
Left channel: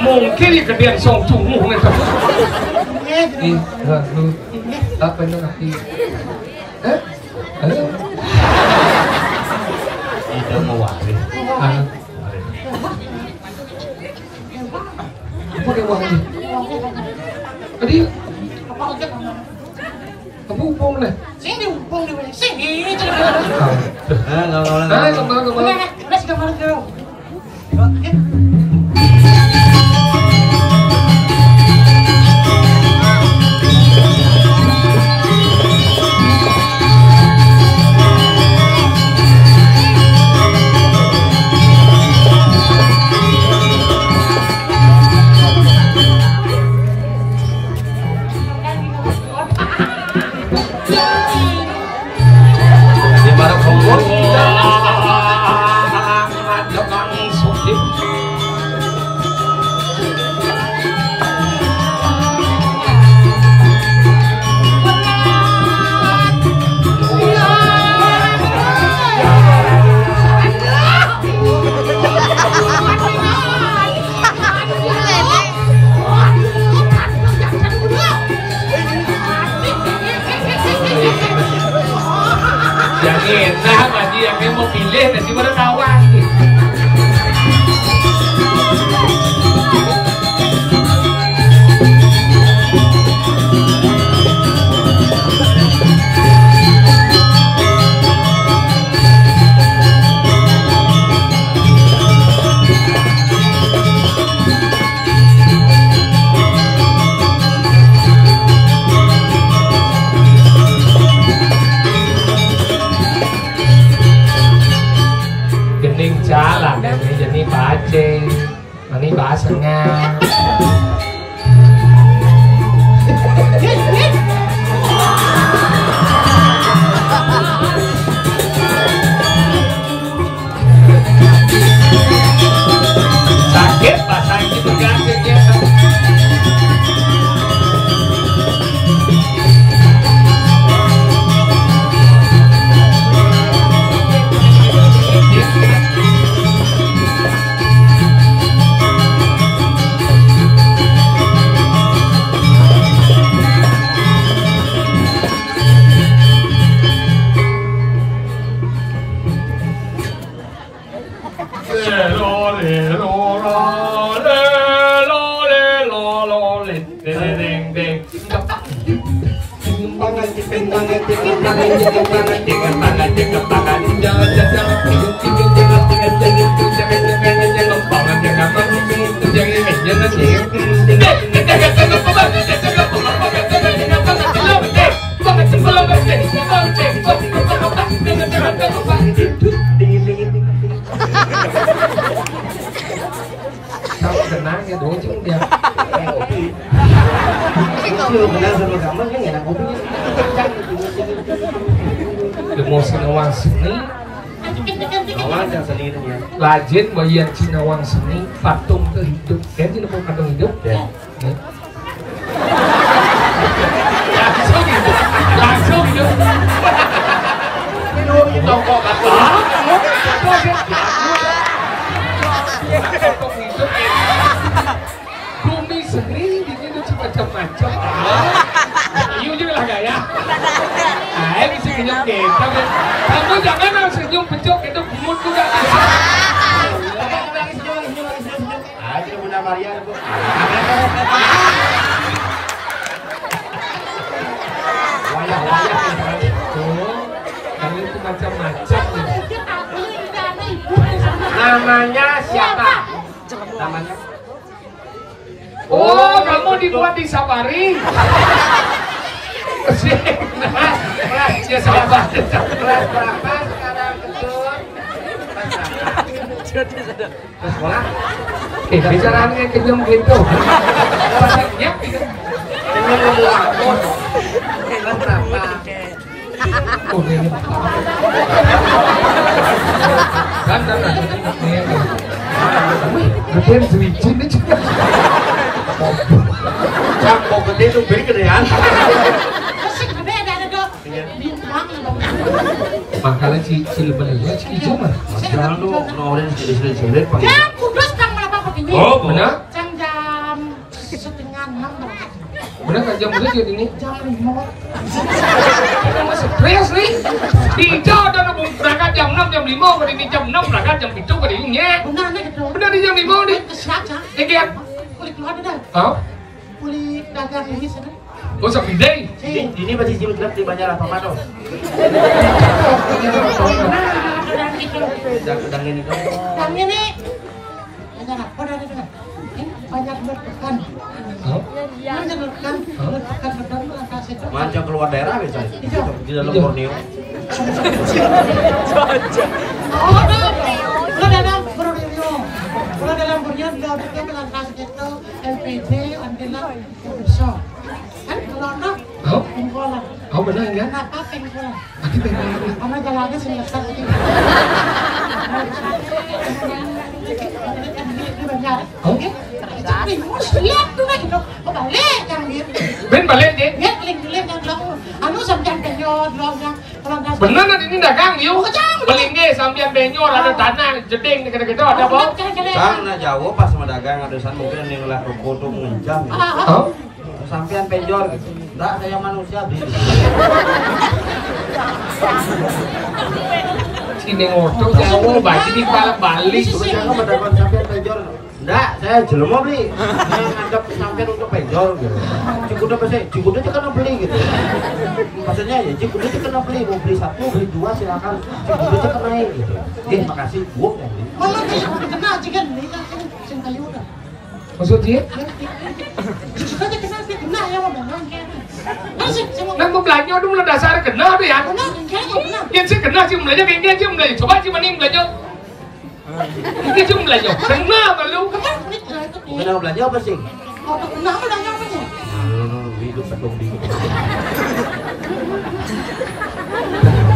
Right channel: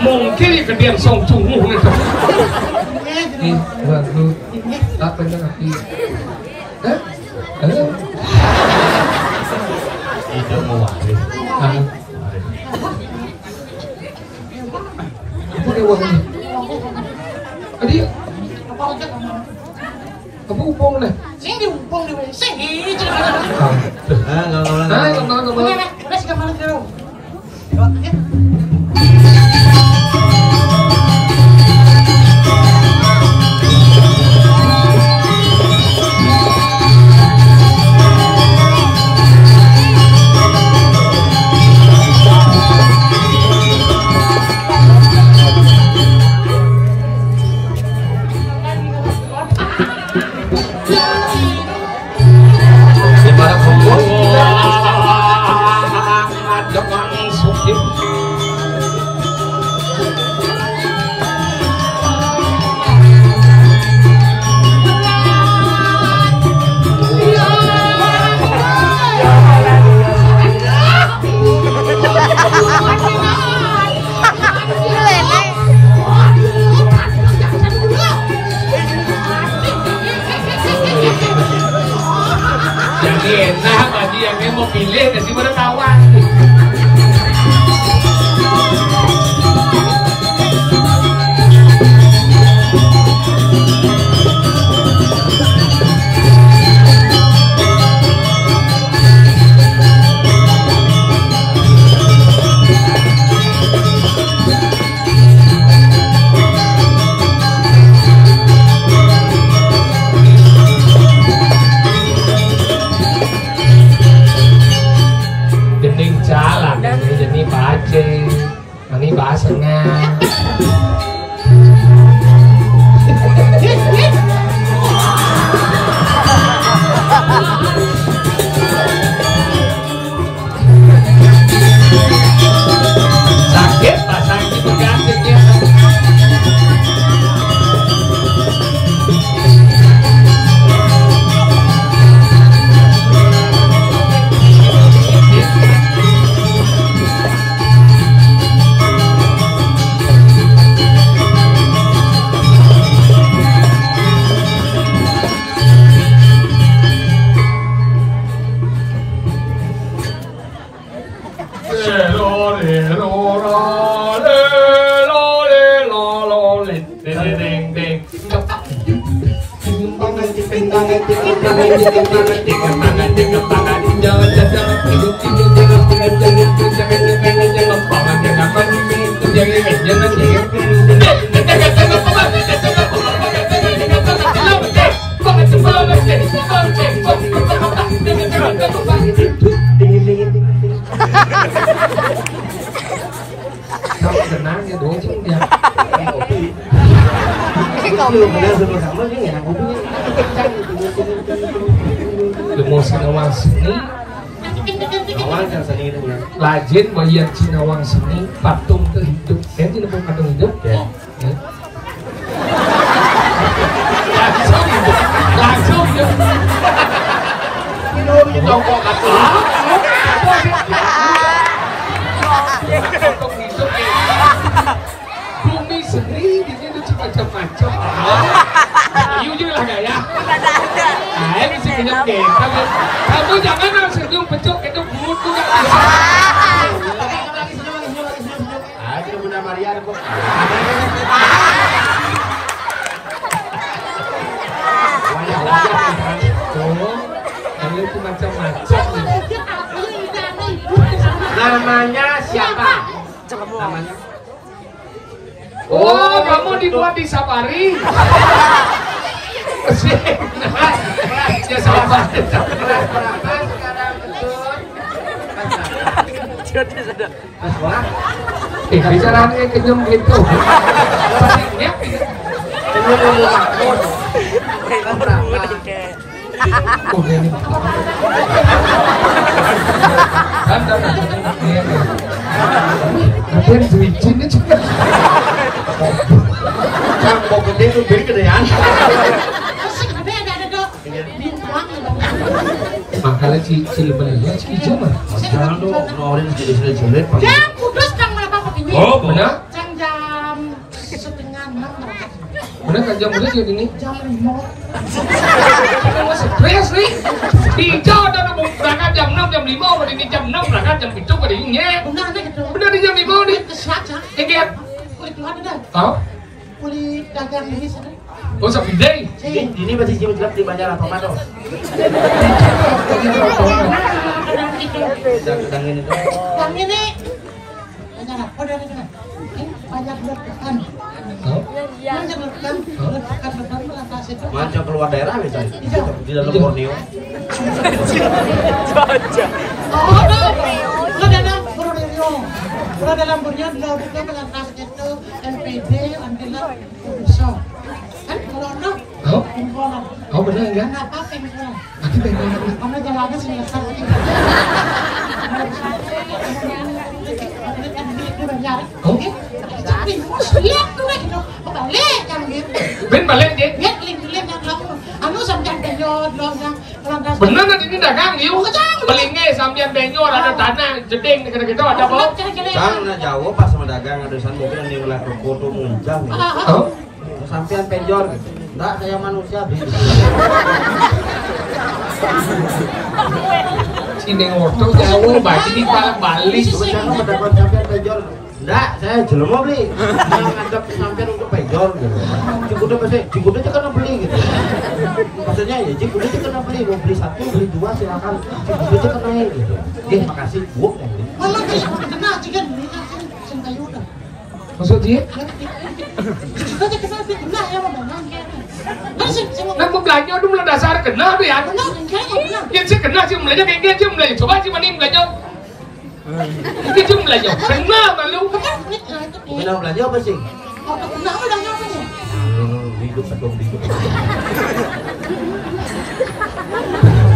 Mungkin kemudian song cungu nih tuh. Ini lu apa yang nanti? Kita mau waris. Apa dia uang ini? Tadi apa upong nih? Sini umpung di WC ini. Nggak boleh. Let's go go. Enak bagi yang mau pilih nasi mana kawan. Tenang ya dong, cuma dia kopi. Kecil benar sama kamu kan enak kopinya. Demo Sinawang Seni, Awal kan seni itu ya. Lajin bayan Sinawang Seni, patung terhidup. Saya tidak mau patung hidup. Ya. Langsung hidup, langsung hidup. Minum itu kok patung. Patung hidup. Bumi sendiri bikin macam-macam. Ayo juga lah gaya. Saya bisa senyum kita. Kamu jangan harus senyum pecuk itu mulut juga bisa. Aja Bunda Maria itu. Wayah-wayah itu. Kalau itu macam-macam. Namanya siapa? Namanya? Oh, kamu dibuat di Sapari. Ya sabar. Kelas berapa sekarang betul? Kelas berapa? Kelas berapa? Bicaranya kenyum gitu. Ini ilmu makmur. Kelas berapa? Oh, ini. Kan ada yang switchin itu juga. Yang mau gede itu beli gedean. Makanya si film itu hijau mah. Jangan tuh norin sedikit-sedikit. Jam kudus kang berapa begini? Oh, benar? Jam setengah 6 berapa? Benar kan jam berapa jadi ini? Jam 5. Ini masih stres nih. Hijau dan berangkat jam 6 jam 5 pada ini jam 6 berangkat jam 7 pada ini. Benar nih gitu. Benar di jam 5 nih. Kesaja. Ingat? Kulit keluar dah. Oh, Kulit dagang ini sana. oh sampai day. Ini masih cium jelek di banyak apa tuh? Dan itu. Sedang ini tuh. Dan ini. Banyak apa dah sana? Ini banyak letupan. Oh, Banyak letupan. Letupan atas itu. Macam keluar daerah misalnya. Di dalam Borneo. Oh, ada. Dalam Borneo. Kalau dalam Borneo kita melangkah itu LPD, Andila, bisa. Kan kalau anak, oh, pengkolan. oh benar enggak? Kenapa pengkolan? Aku pengen lagi. Karena jalannya selesai. Itu banyak. Oh, Tapi mus lihat tuh lagi dong. Balik kan gitu. ben balik deh. Lihat link yang long. Anu sampai penyot long. Kalau dah. Benar nanti ini dagang yuk. Belingge sambian benyor ada tanah jeding gitu-gitu ada bau. Karena jauh pas sama dagang ada san mungkin yang ngeliat ruko tuh mengencam ya. Oh, Sampean penjor gitu. Enggak, saya manusia beli. ini ngotot jauh bagi di balik. Jangan mendapat sampean penjor. Enggak, saya jelema beli. Saya ngadep sampean untuk penjor gitu. Cikuda pasti, cikuda itu kena beli gitu. Maksudnya ya, cikuda itu kena beli. Mau beli 1, beli 2 silakan. Cikuda itu kena gitu. Makasih, Bu. Mama sih kena chicken ni kan sing ayu dah. Maksud dia? Kita kena kena yang mana? Masih semua. Nah mau belanja itu mulai dasar kena tuh ya. Kena kena. Yang saya kena sih belanja kayak dia sih belanja. Coba sih mana yang belanja? Ini sih belanja. Kena malu. Kena belanja apa sih? Mau kena apa lagi apa ni? Hidup sebelum hidup.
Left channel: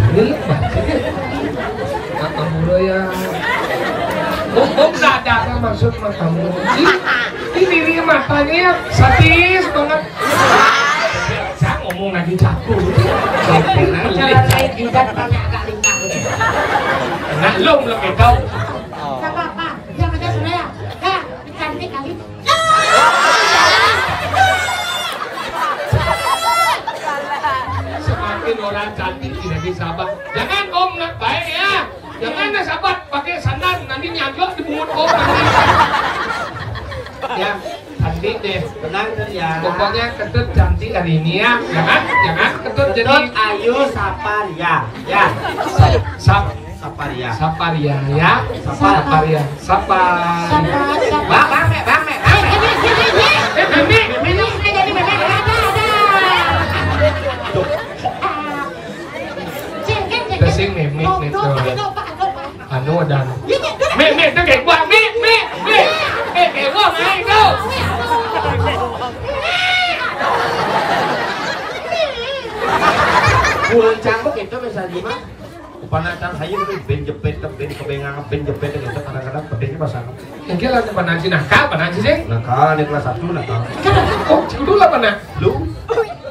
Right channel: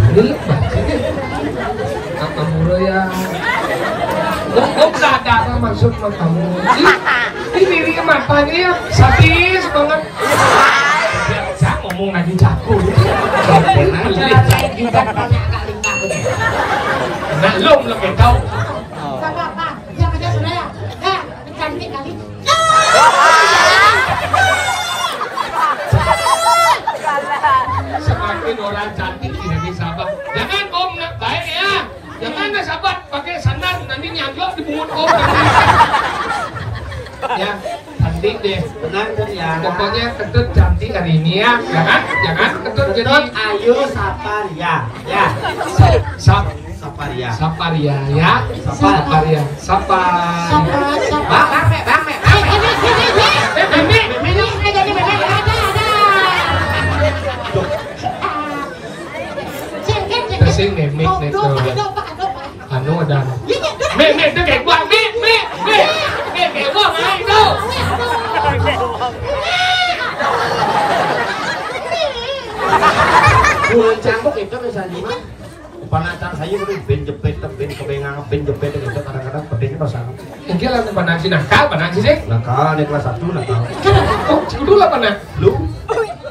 Ini lepas. Kamu ya. Om nada maksud kamu. Ini dirinya matanya sadis banget. Saya ngomong lagi jago. Saya juga tanya kali kamu. Nah, lo belum tahu. Apa? Yang ada saya. Dah, cantik kali. Semakin orang cantik tidak disabar. Jangan om nak baik ya. Jangan nak sahabat pakai sandal nanti nyagak di pungut om nanti. Ya, cantik deh. Tenang tuh ya. Pokoknya Ketut cantik hari ini ya. Jangan Ketut jadi Ayu Saparia. Ya. Saparia. Saparia ya. Saparia. Bang. Tersing mimik nih tuh. Anu ada. Mik tuh kayak gua. Mik kayak gua main tuh. Bulan cambuk itu misalnya gimana? Panatan saya itu ben jepit kebengang ben jepit itu kadang-kadang pentingnya pasang. Mungkin lah panasi nakal sih. Nakal nih kelas 1 nakal. Oh, dulu lah panah. Lu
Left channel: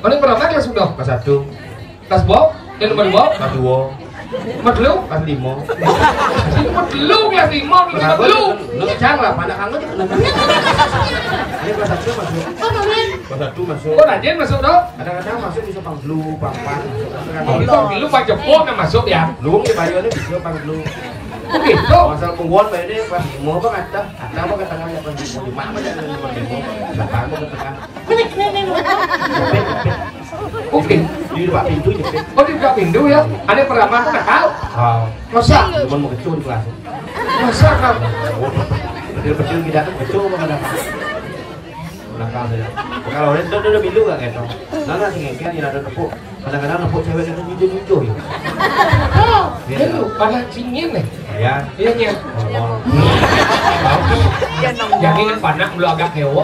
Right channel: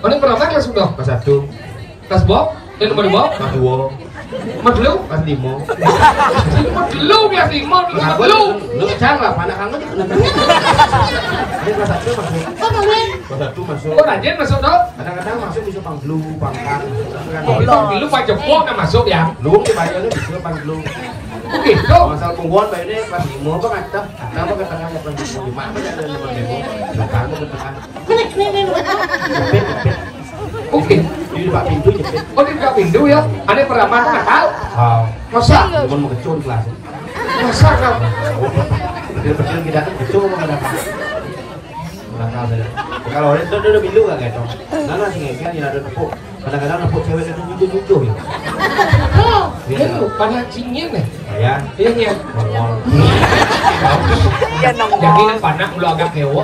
Mana berapa kelas sudah? kelas 1, Kelas bawah? Yang nomor bawah? kelas 2, Nomor dulu? kelas 5. Nomor dulu kelas 5, nomor dulu. Lu cang lah panak kamu itu nakal. Ini kelas 1 masuk. Kelas 1 masuk. Oh, rajin masuk tuh? Kadang-kadang masuk bisa panglu, pangpan. Tapi kok dulu Pak Joko kan masuk ya? Lu di Bayu itu bisa panglu. Begitu. Masalah pungguan Bayu ini kelas 5 apa ada apa ke tengahnya kelas 5 cuma apa jangan ada nomor 5. Depan apa ke tengah. Jepit. Oke. Di Pak pintu jepit. Oh, di buka pintu ya? Ada pertama tuh nakal? Masa? Cuma mau kecil di kelas. Masa kan? Kecil-kecil kita tuh kecil apa enggak? Nakal saja. Kalau udah pintu enggak ketong. Nana sih ngeknya ada tepuk. Kadang-kadang nepuk cewek itu nyuju ya. Iya tuh, panah cingin nih. Ya. Iya nya. Jadi panah udah agak hewa,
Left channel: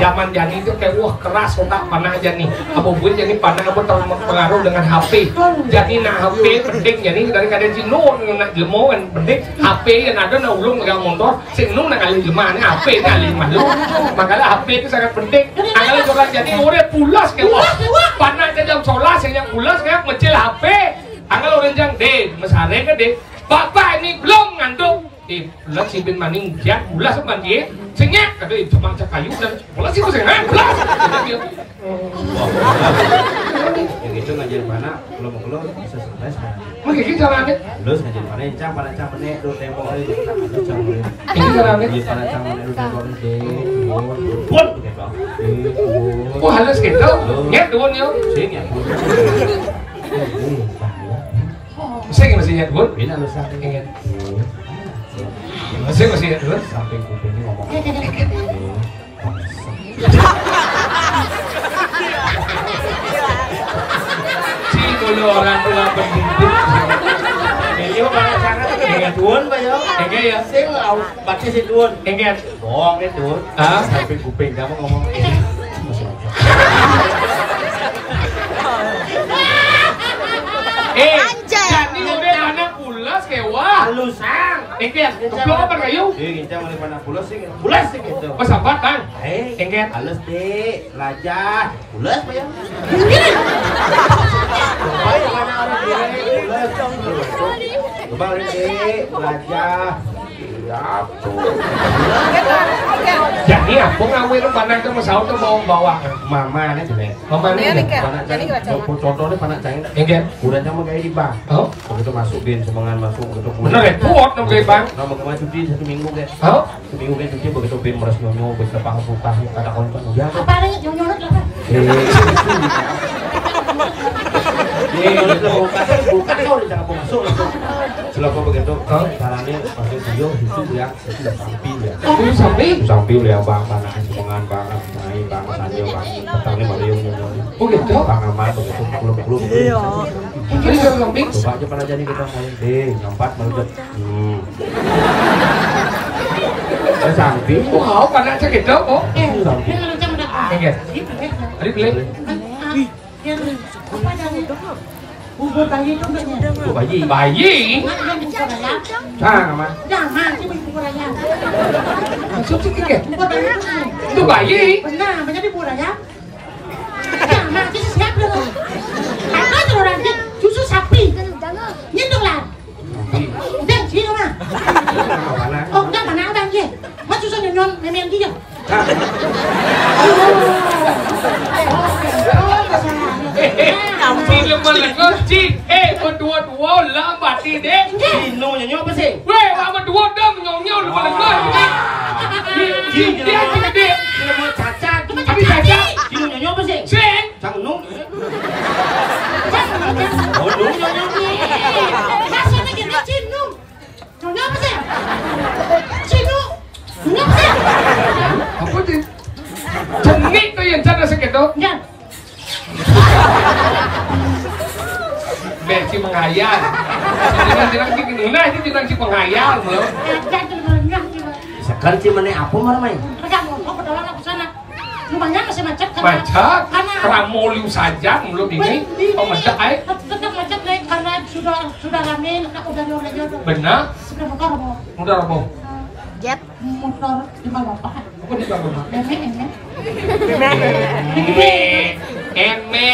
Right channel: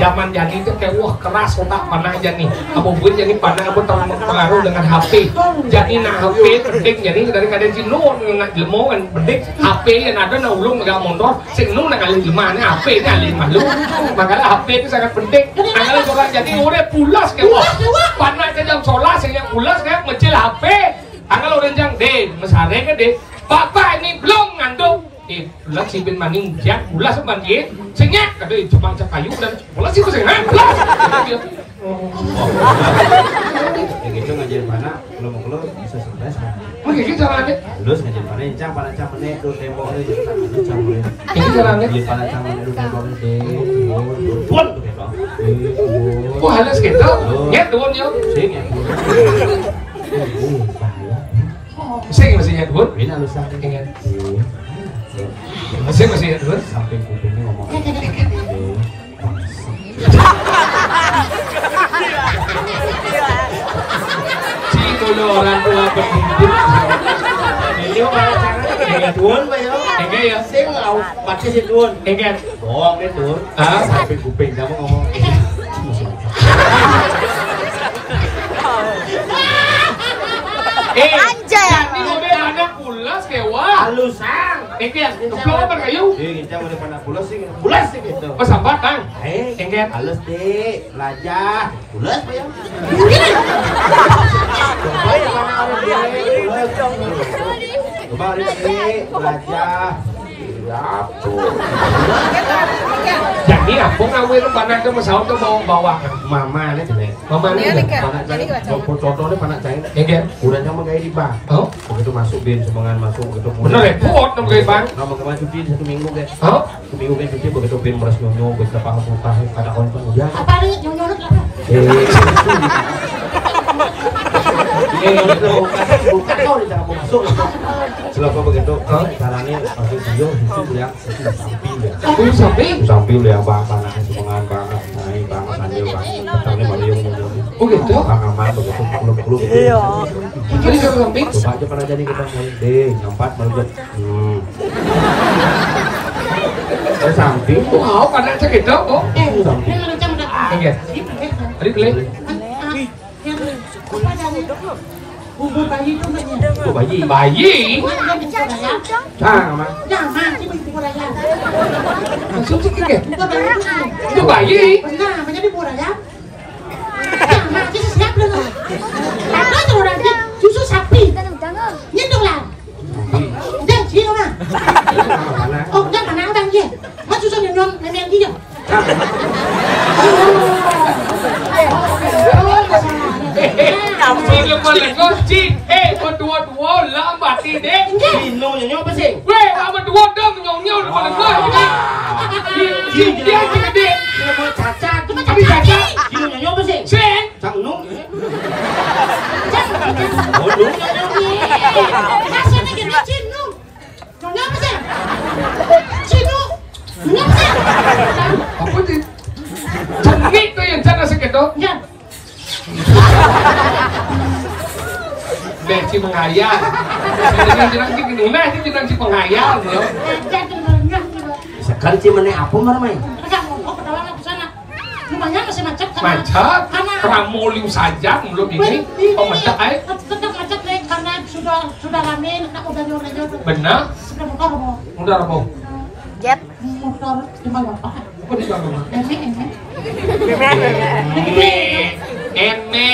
zaman jadi itu kayak wah keras otak panah jadi. Apapun jadi panah apa terpengaruh dengan HP. Jadi nak HP penting jadi dari kadang si nu nak jelmo kan penting HP yang ada nak ulung megang motor, si nu nak kali jelma nih HP nih kali malu. Makanya HP itu sangat penting. Angkali orang jadi udah pulas kayak wah panah jadi solar saya pulas kayak mecil HP. Angkali orang jang deh, mesare kan deh. Bapak ini belum ngandung. Pulas si bin maning jak pulas sama dia. Senyap kata cuma kayu dan pulas sih pusing kan pulas. Gitu ngajarin mana belum bisa surprise lah. Begitu caranya. Terus ngajarin mana yang cang mana itu tembok itu jadi tak cang boleh. Ini caranya. Beli mana cang mana itu tembok itu pun gitu. Kok halus gitu? Nggak tuh ya. Sing ya. Sing masih nyat bun. Ini halus sakit ingat. Masih nyat bun. Samping kupingnya ngomong. Dulu orang tua pendidik. Ini mana cara kayak duun pak yo? Enggak ya? Sing aus baca si duun. Enggak. Doang deh duun. Hah? Sampai kuping kamu ngomong. Jadi udah ada pulas kayak wah. Halusan. Enggak. Keplok apa kayu? Kita mau pada pulas sih. Pulas sih gitu. Pas sambat kan? Enggak. Halus deh. Lajah. Pulas pak yo? Coba di mana orang dia pulas. Coba orang dia lajah. Ya tuh. Jadi apa ngawin panah itu masalah itu mau bawa Mama nih deh. mama nih. Panak cahing. Contohnya panak cahing. Enggak. Udahnya mau kayak di bang. Oh? Begitu masuk bin semangan masuk begitu pulang. Bener repot dong kayak bang. Nama kemarin cuti 1 minggu deh. Oh? 1 minggu kan cuti begitu bin meres nyonyo beberapa buka kata kawan udah. Apa nih nyonyot lah? Buka kau di cara masuk langsung. Selalu begitu, caranya pasti video itu yang sudah sampil ya. Sampil ya bang panah semangan bang naik bang sanjo bang petangnya Mario nyonyo. Oh gitu? Bang aman begitu pukul. Ini yang samping? Coba aja pernah jadi kita mulai deh nyompat baru ada samping. Wow, panah aja gitu. Oh? Samping. Enggak. Tadi beli? Apa dari bubur bayi itu mbaknya? Bubur bayi. Bayi? Mana yang bubur ayam? Aman. Nama sih bubur ayam. Maksud sih kayak? Bubur bayi itu sih. Itu bayi? Benar, banyak bubur ayam. Nama sih siap dulu. Apa tuh nanti susu sapi? Nyentuh lah. Dan sini mah. Oh, dan mana abang dia? Mas susu nyentuh memang dia. Cik lemah lengkau, cik. Berdua-dua lambat dek. Lo nyanyi apa sih? Weh, berdua dah menyau-nyau lemah lengkau. Cik, dia dek. mau cacat. Tapi cacat. Sini nyonya apa sih? Sing. Cang Nung. Oh, Nung. maksudnya gini Cinu. Nyonya apa sih? Cinu. Nyonya apa sih? Apa sih? Jengit tuh yang sana segitu. Ya. Besi menghayal. Dengan jenang si Nuna itu jenang si penghayal, bro. Sekali sih mana apa marmai? Rumahnya masih macet kan? Macet. Pramoliu saja belum ini. Pemecah ay. Tetap macet nih karena sudah rame, udah nyore-nyore. Benar. Sudah buka robo. Udah apa? Motor di Bapak. Apa di sana? Eme.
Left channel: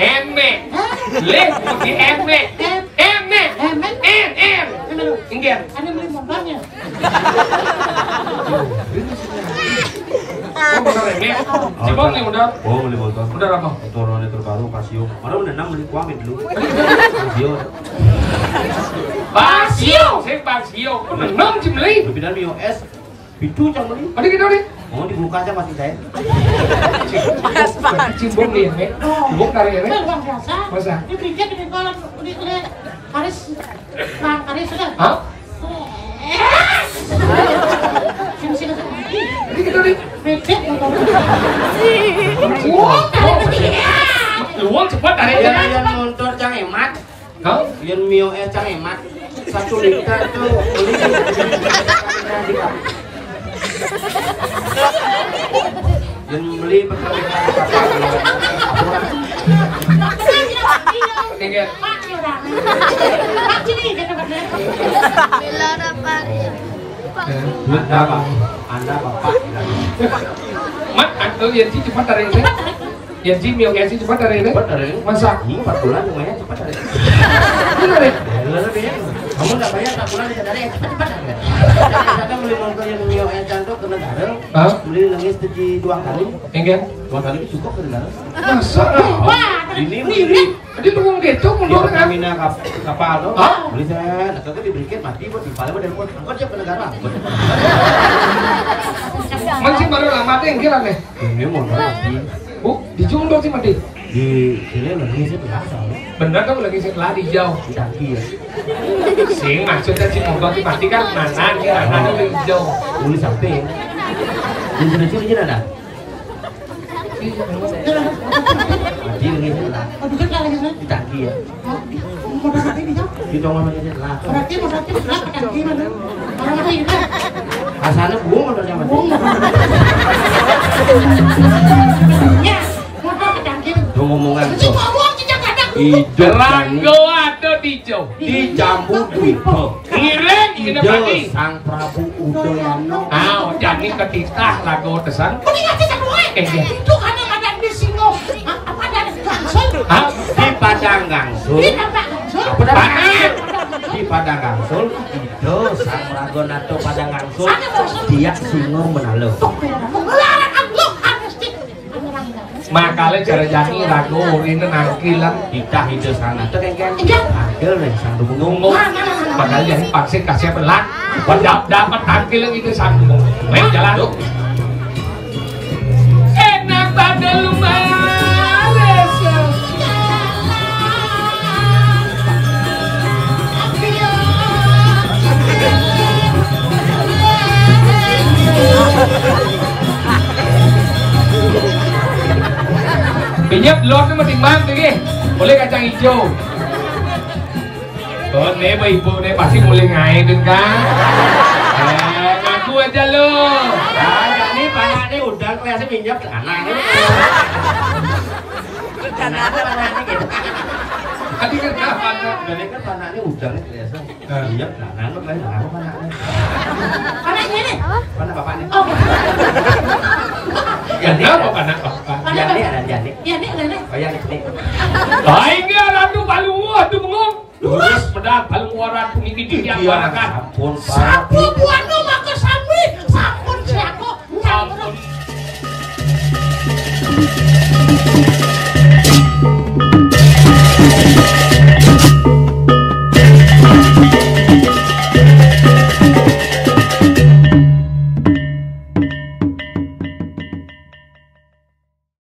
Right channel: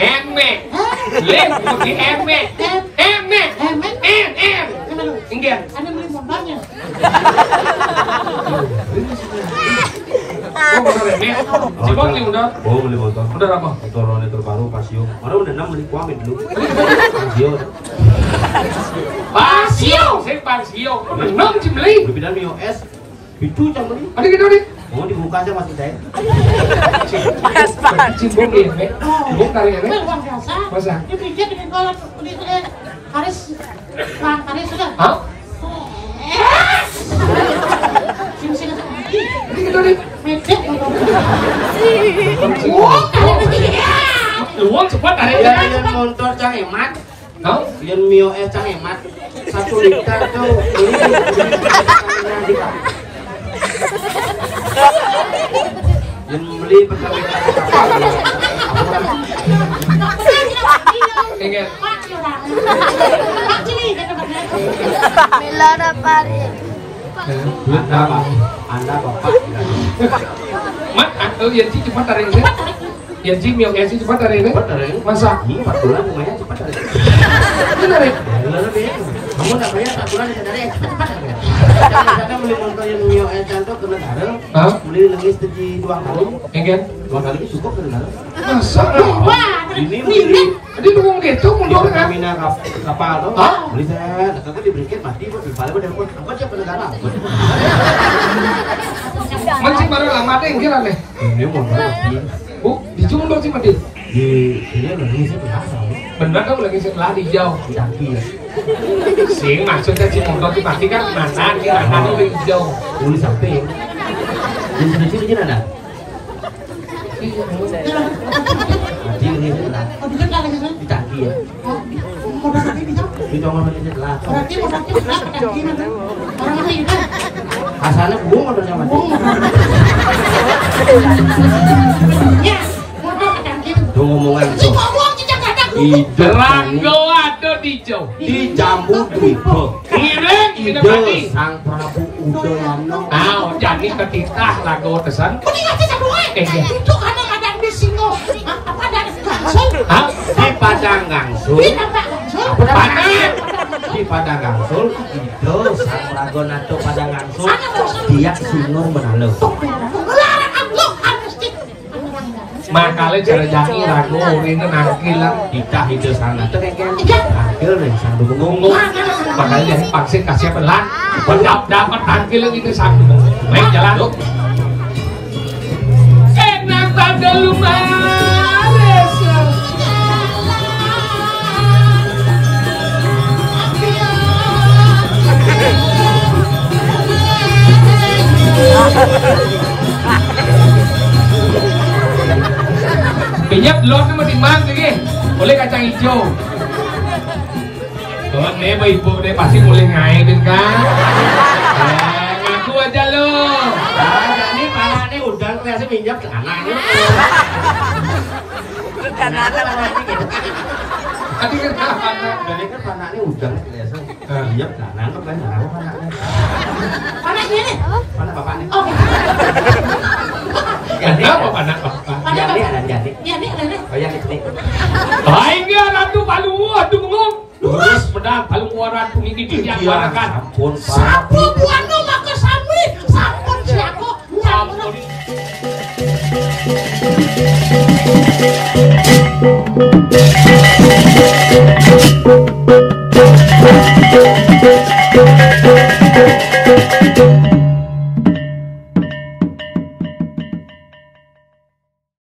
Eme. Leh, pergi eme. Ingin. Ada beli motornya. Oh, benar eme. Cibong nih udah. Oh, beli motor. Udah apa? Motor terbaru Pasio. Orang udah 6 beli kuamin dulu. Pasio. Saya Pasio. Menang sih beli. Lebih dari Mio S. Pitu jam beli. Ada gitu nih. Oh, dibuka aja masih daya. Cimbong nih, cimbong dari ini. Luar biasa. Masa? Dia bijak di kalau di Karis, Bang Karis sudah. Hah? Sing Ada gitu nih. Medek Luang cepat dari Ya, ini. yang motor cang hemat. Hah? Yang Mio S cang hemat. 1 liter tuh beli di kapal. Yang beli pakai kapal dia. Ingin. Anda bapak bilang. Mat, atau yang sih cepat dari ini. Yang sih Mio S cepat dari ini. Cepat dari ini. Masa? 4 bulan lumayan cepat dari. Ini dari. Kamu tak bayar 4 bulan bisa dari cepat-cepat aja. Saya beli motor yang Mio S cantik ke negara. Hah? Beli nangis 2 kali. Ingin. 2 kali itu cukup ke negara. Masa? Ini beli Jadi tunggu gitu mundur kan? Pertamina kapal tuh. Hah? Beli saya, nakal diberikan mati buat di pala pada telepon. Angkot siapa negara? Masih baru lama deh yang kira nih. Ini motor mati. Dijung dong sih mati. Di sini lagi saya berasa. Bener kan lagi setelah dijauh. Di tangki ya. Sing maksudnya si motor itu pasti kan mana kira ada di jauh. Tulis samping. Di sini ada. Mati lagi setelah. Oh, juga kalau Di tangki ya. modal mati bisa. Di kamar lagi setelah. Berarti modal itu bisa pakai gimana? Orang mati itu. Asalnya bunga motornya mati. Ya, modal pakai gimana? Tuh ngomongan Si tuh. ngomong tidak ada Ide Rago ada di jauh. di jambu Dwipo. Ngiring kita Ide mati. Sang Prabu Udayana. Jadi ketitah lagu tesan. Mending aja sama Iya. itu karena kadang di singo apa ada gangsel Hah? Di Padang Gangsul. di tempat gangsel Apa dah? Padang. Di Padang Gangsul itu Sang Ragonato Padang Gangsul dia singo menalo. Ngelarang Allah mesti Makanya cara jangi rago ini nangkilan. Kita hidup sana tuh kan Iya. Angkil deh sang Tunggu. dukung. Makanya jadi vaksin kasih pelan. Dapat tangkil itu sambung. Baik jalan. Enak pada lumayan. Pinjam telur itu masih mati lagi. Boleh kacang hijau. Oh, nih ibu nih pasti mulai ngaitin kan. Ngaku aja lo. Nah, ini panah ini udah kelihatan minyak ke anak. Kenapa panahnya gitu? Tadi kan kapan? Jadi kan panahnya udah kelihatan. Minyak ke anak tuh kan kenapa panahnya? anaknya nih Panah bapaknya. oh Kenapa anak bapak? Jani ada Jani. ya nih ada nih Oh yang ini. Baik ya ratu kalungua tunggu. Lurus pedang kalungua ratu ini yang barakan. Sampun sapu buanu maka sami sampun si aku nyampun Ampun.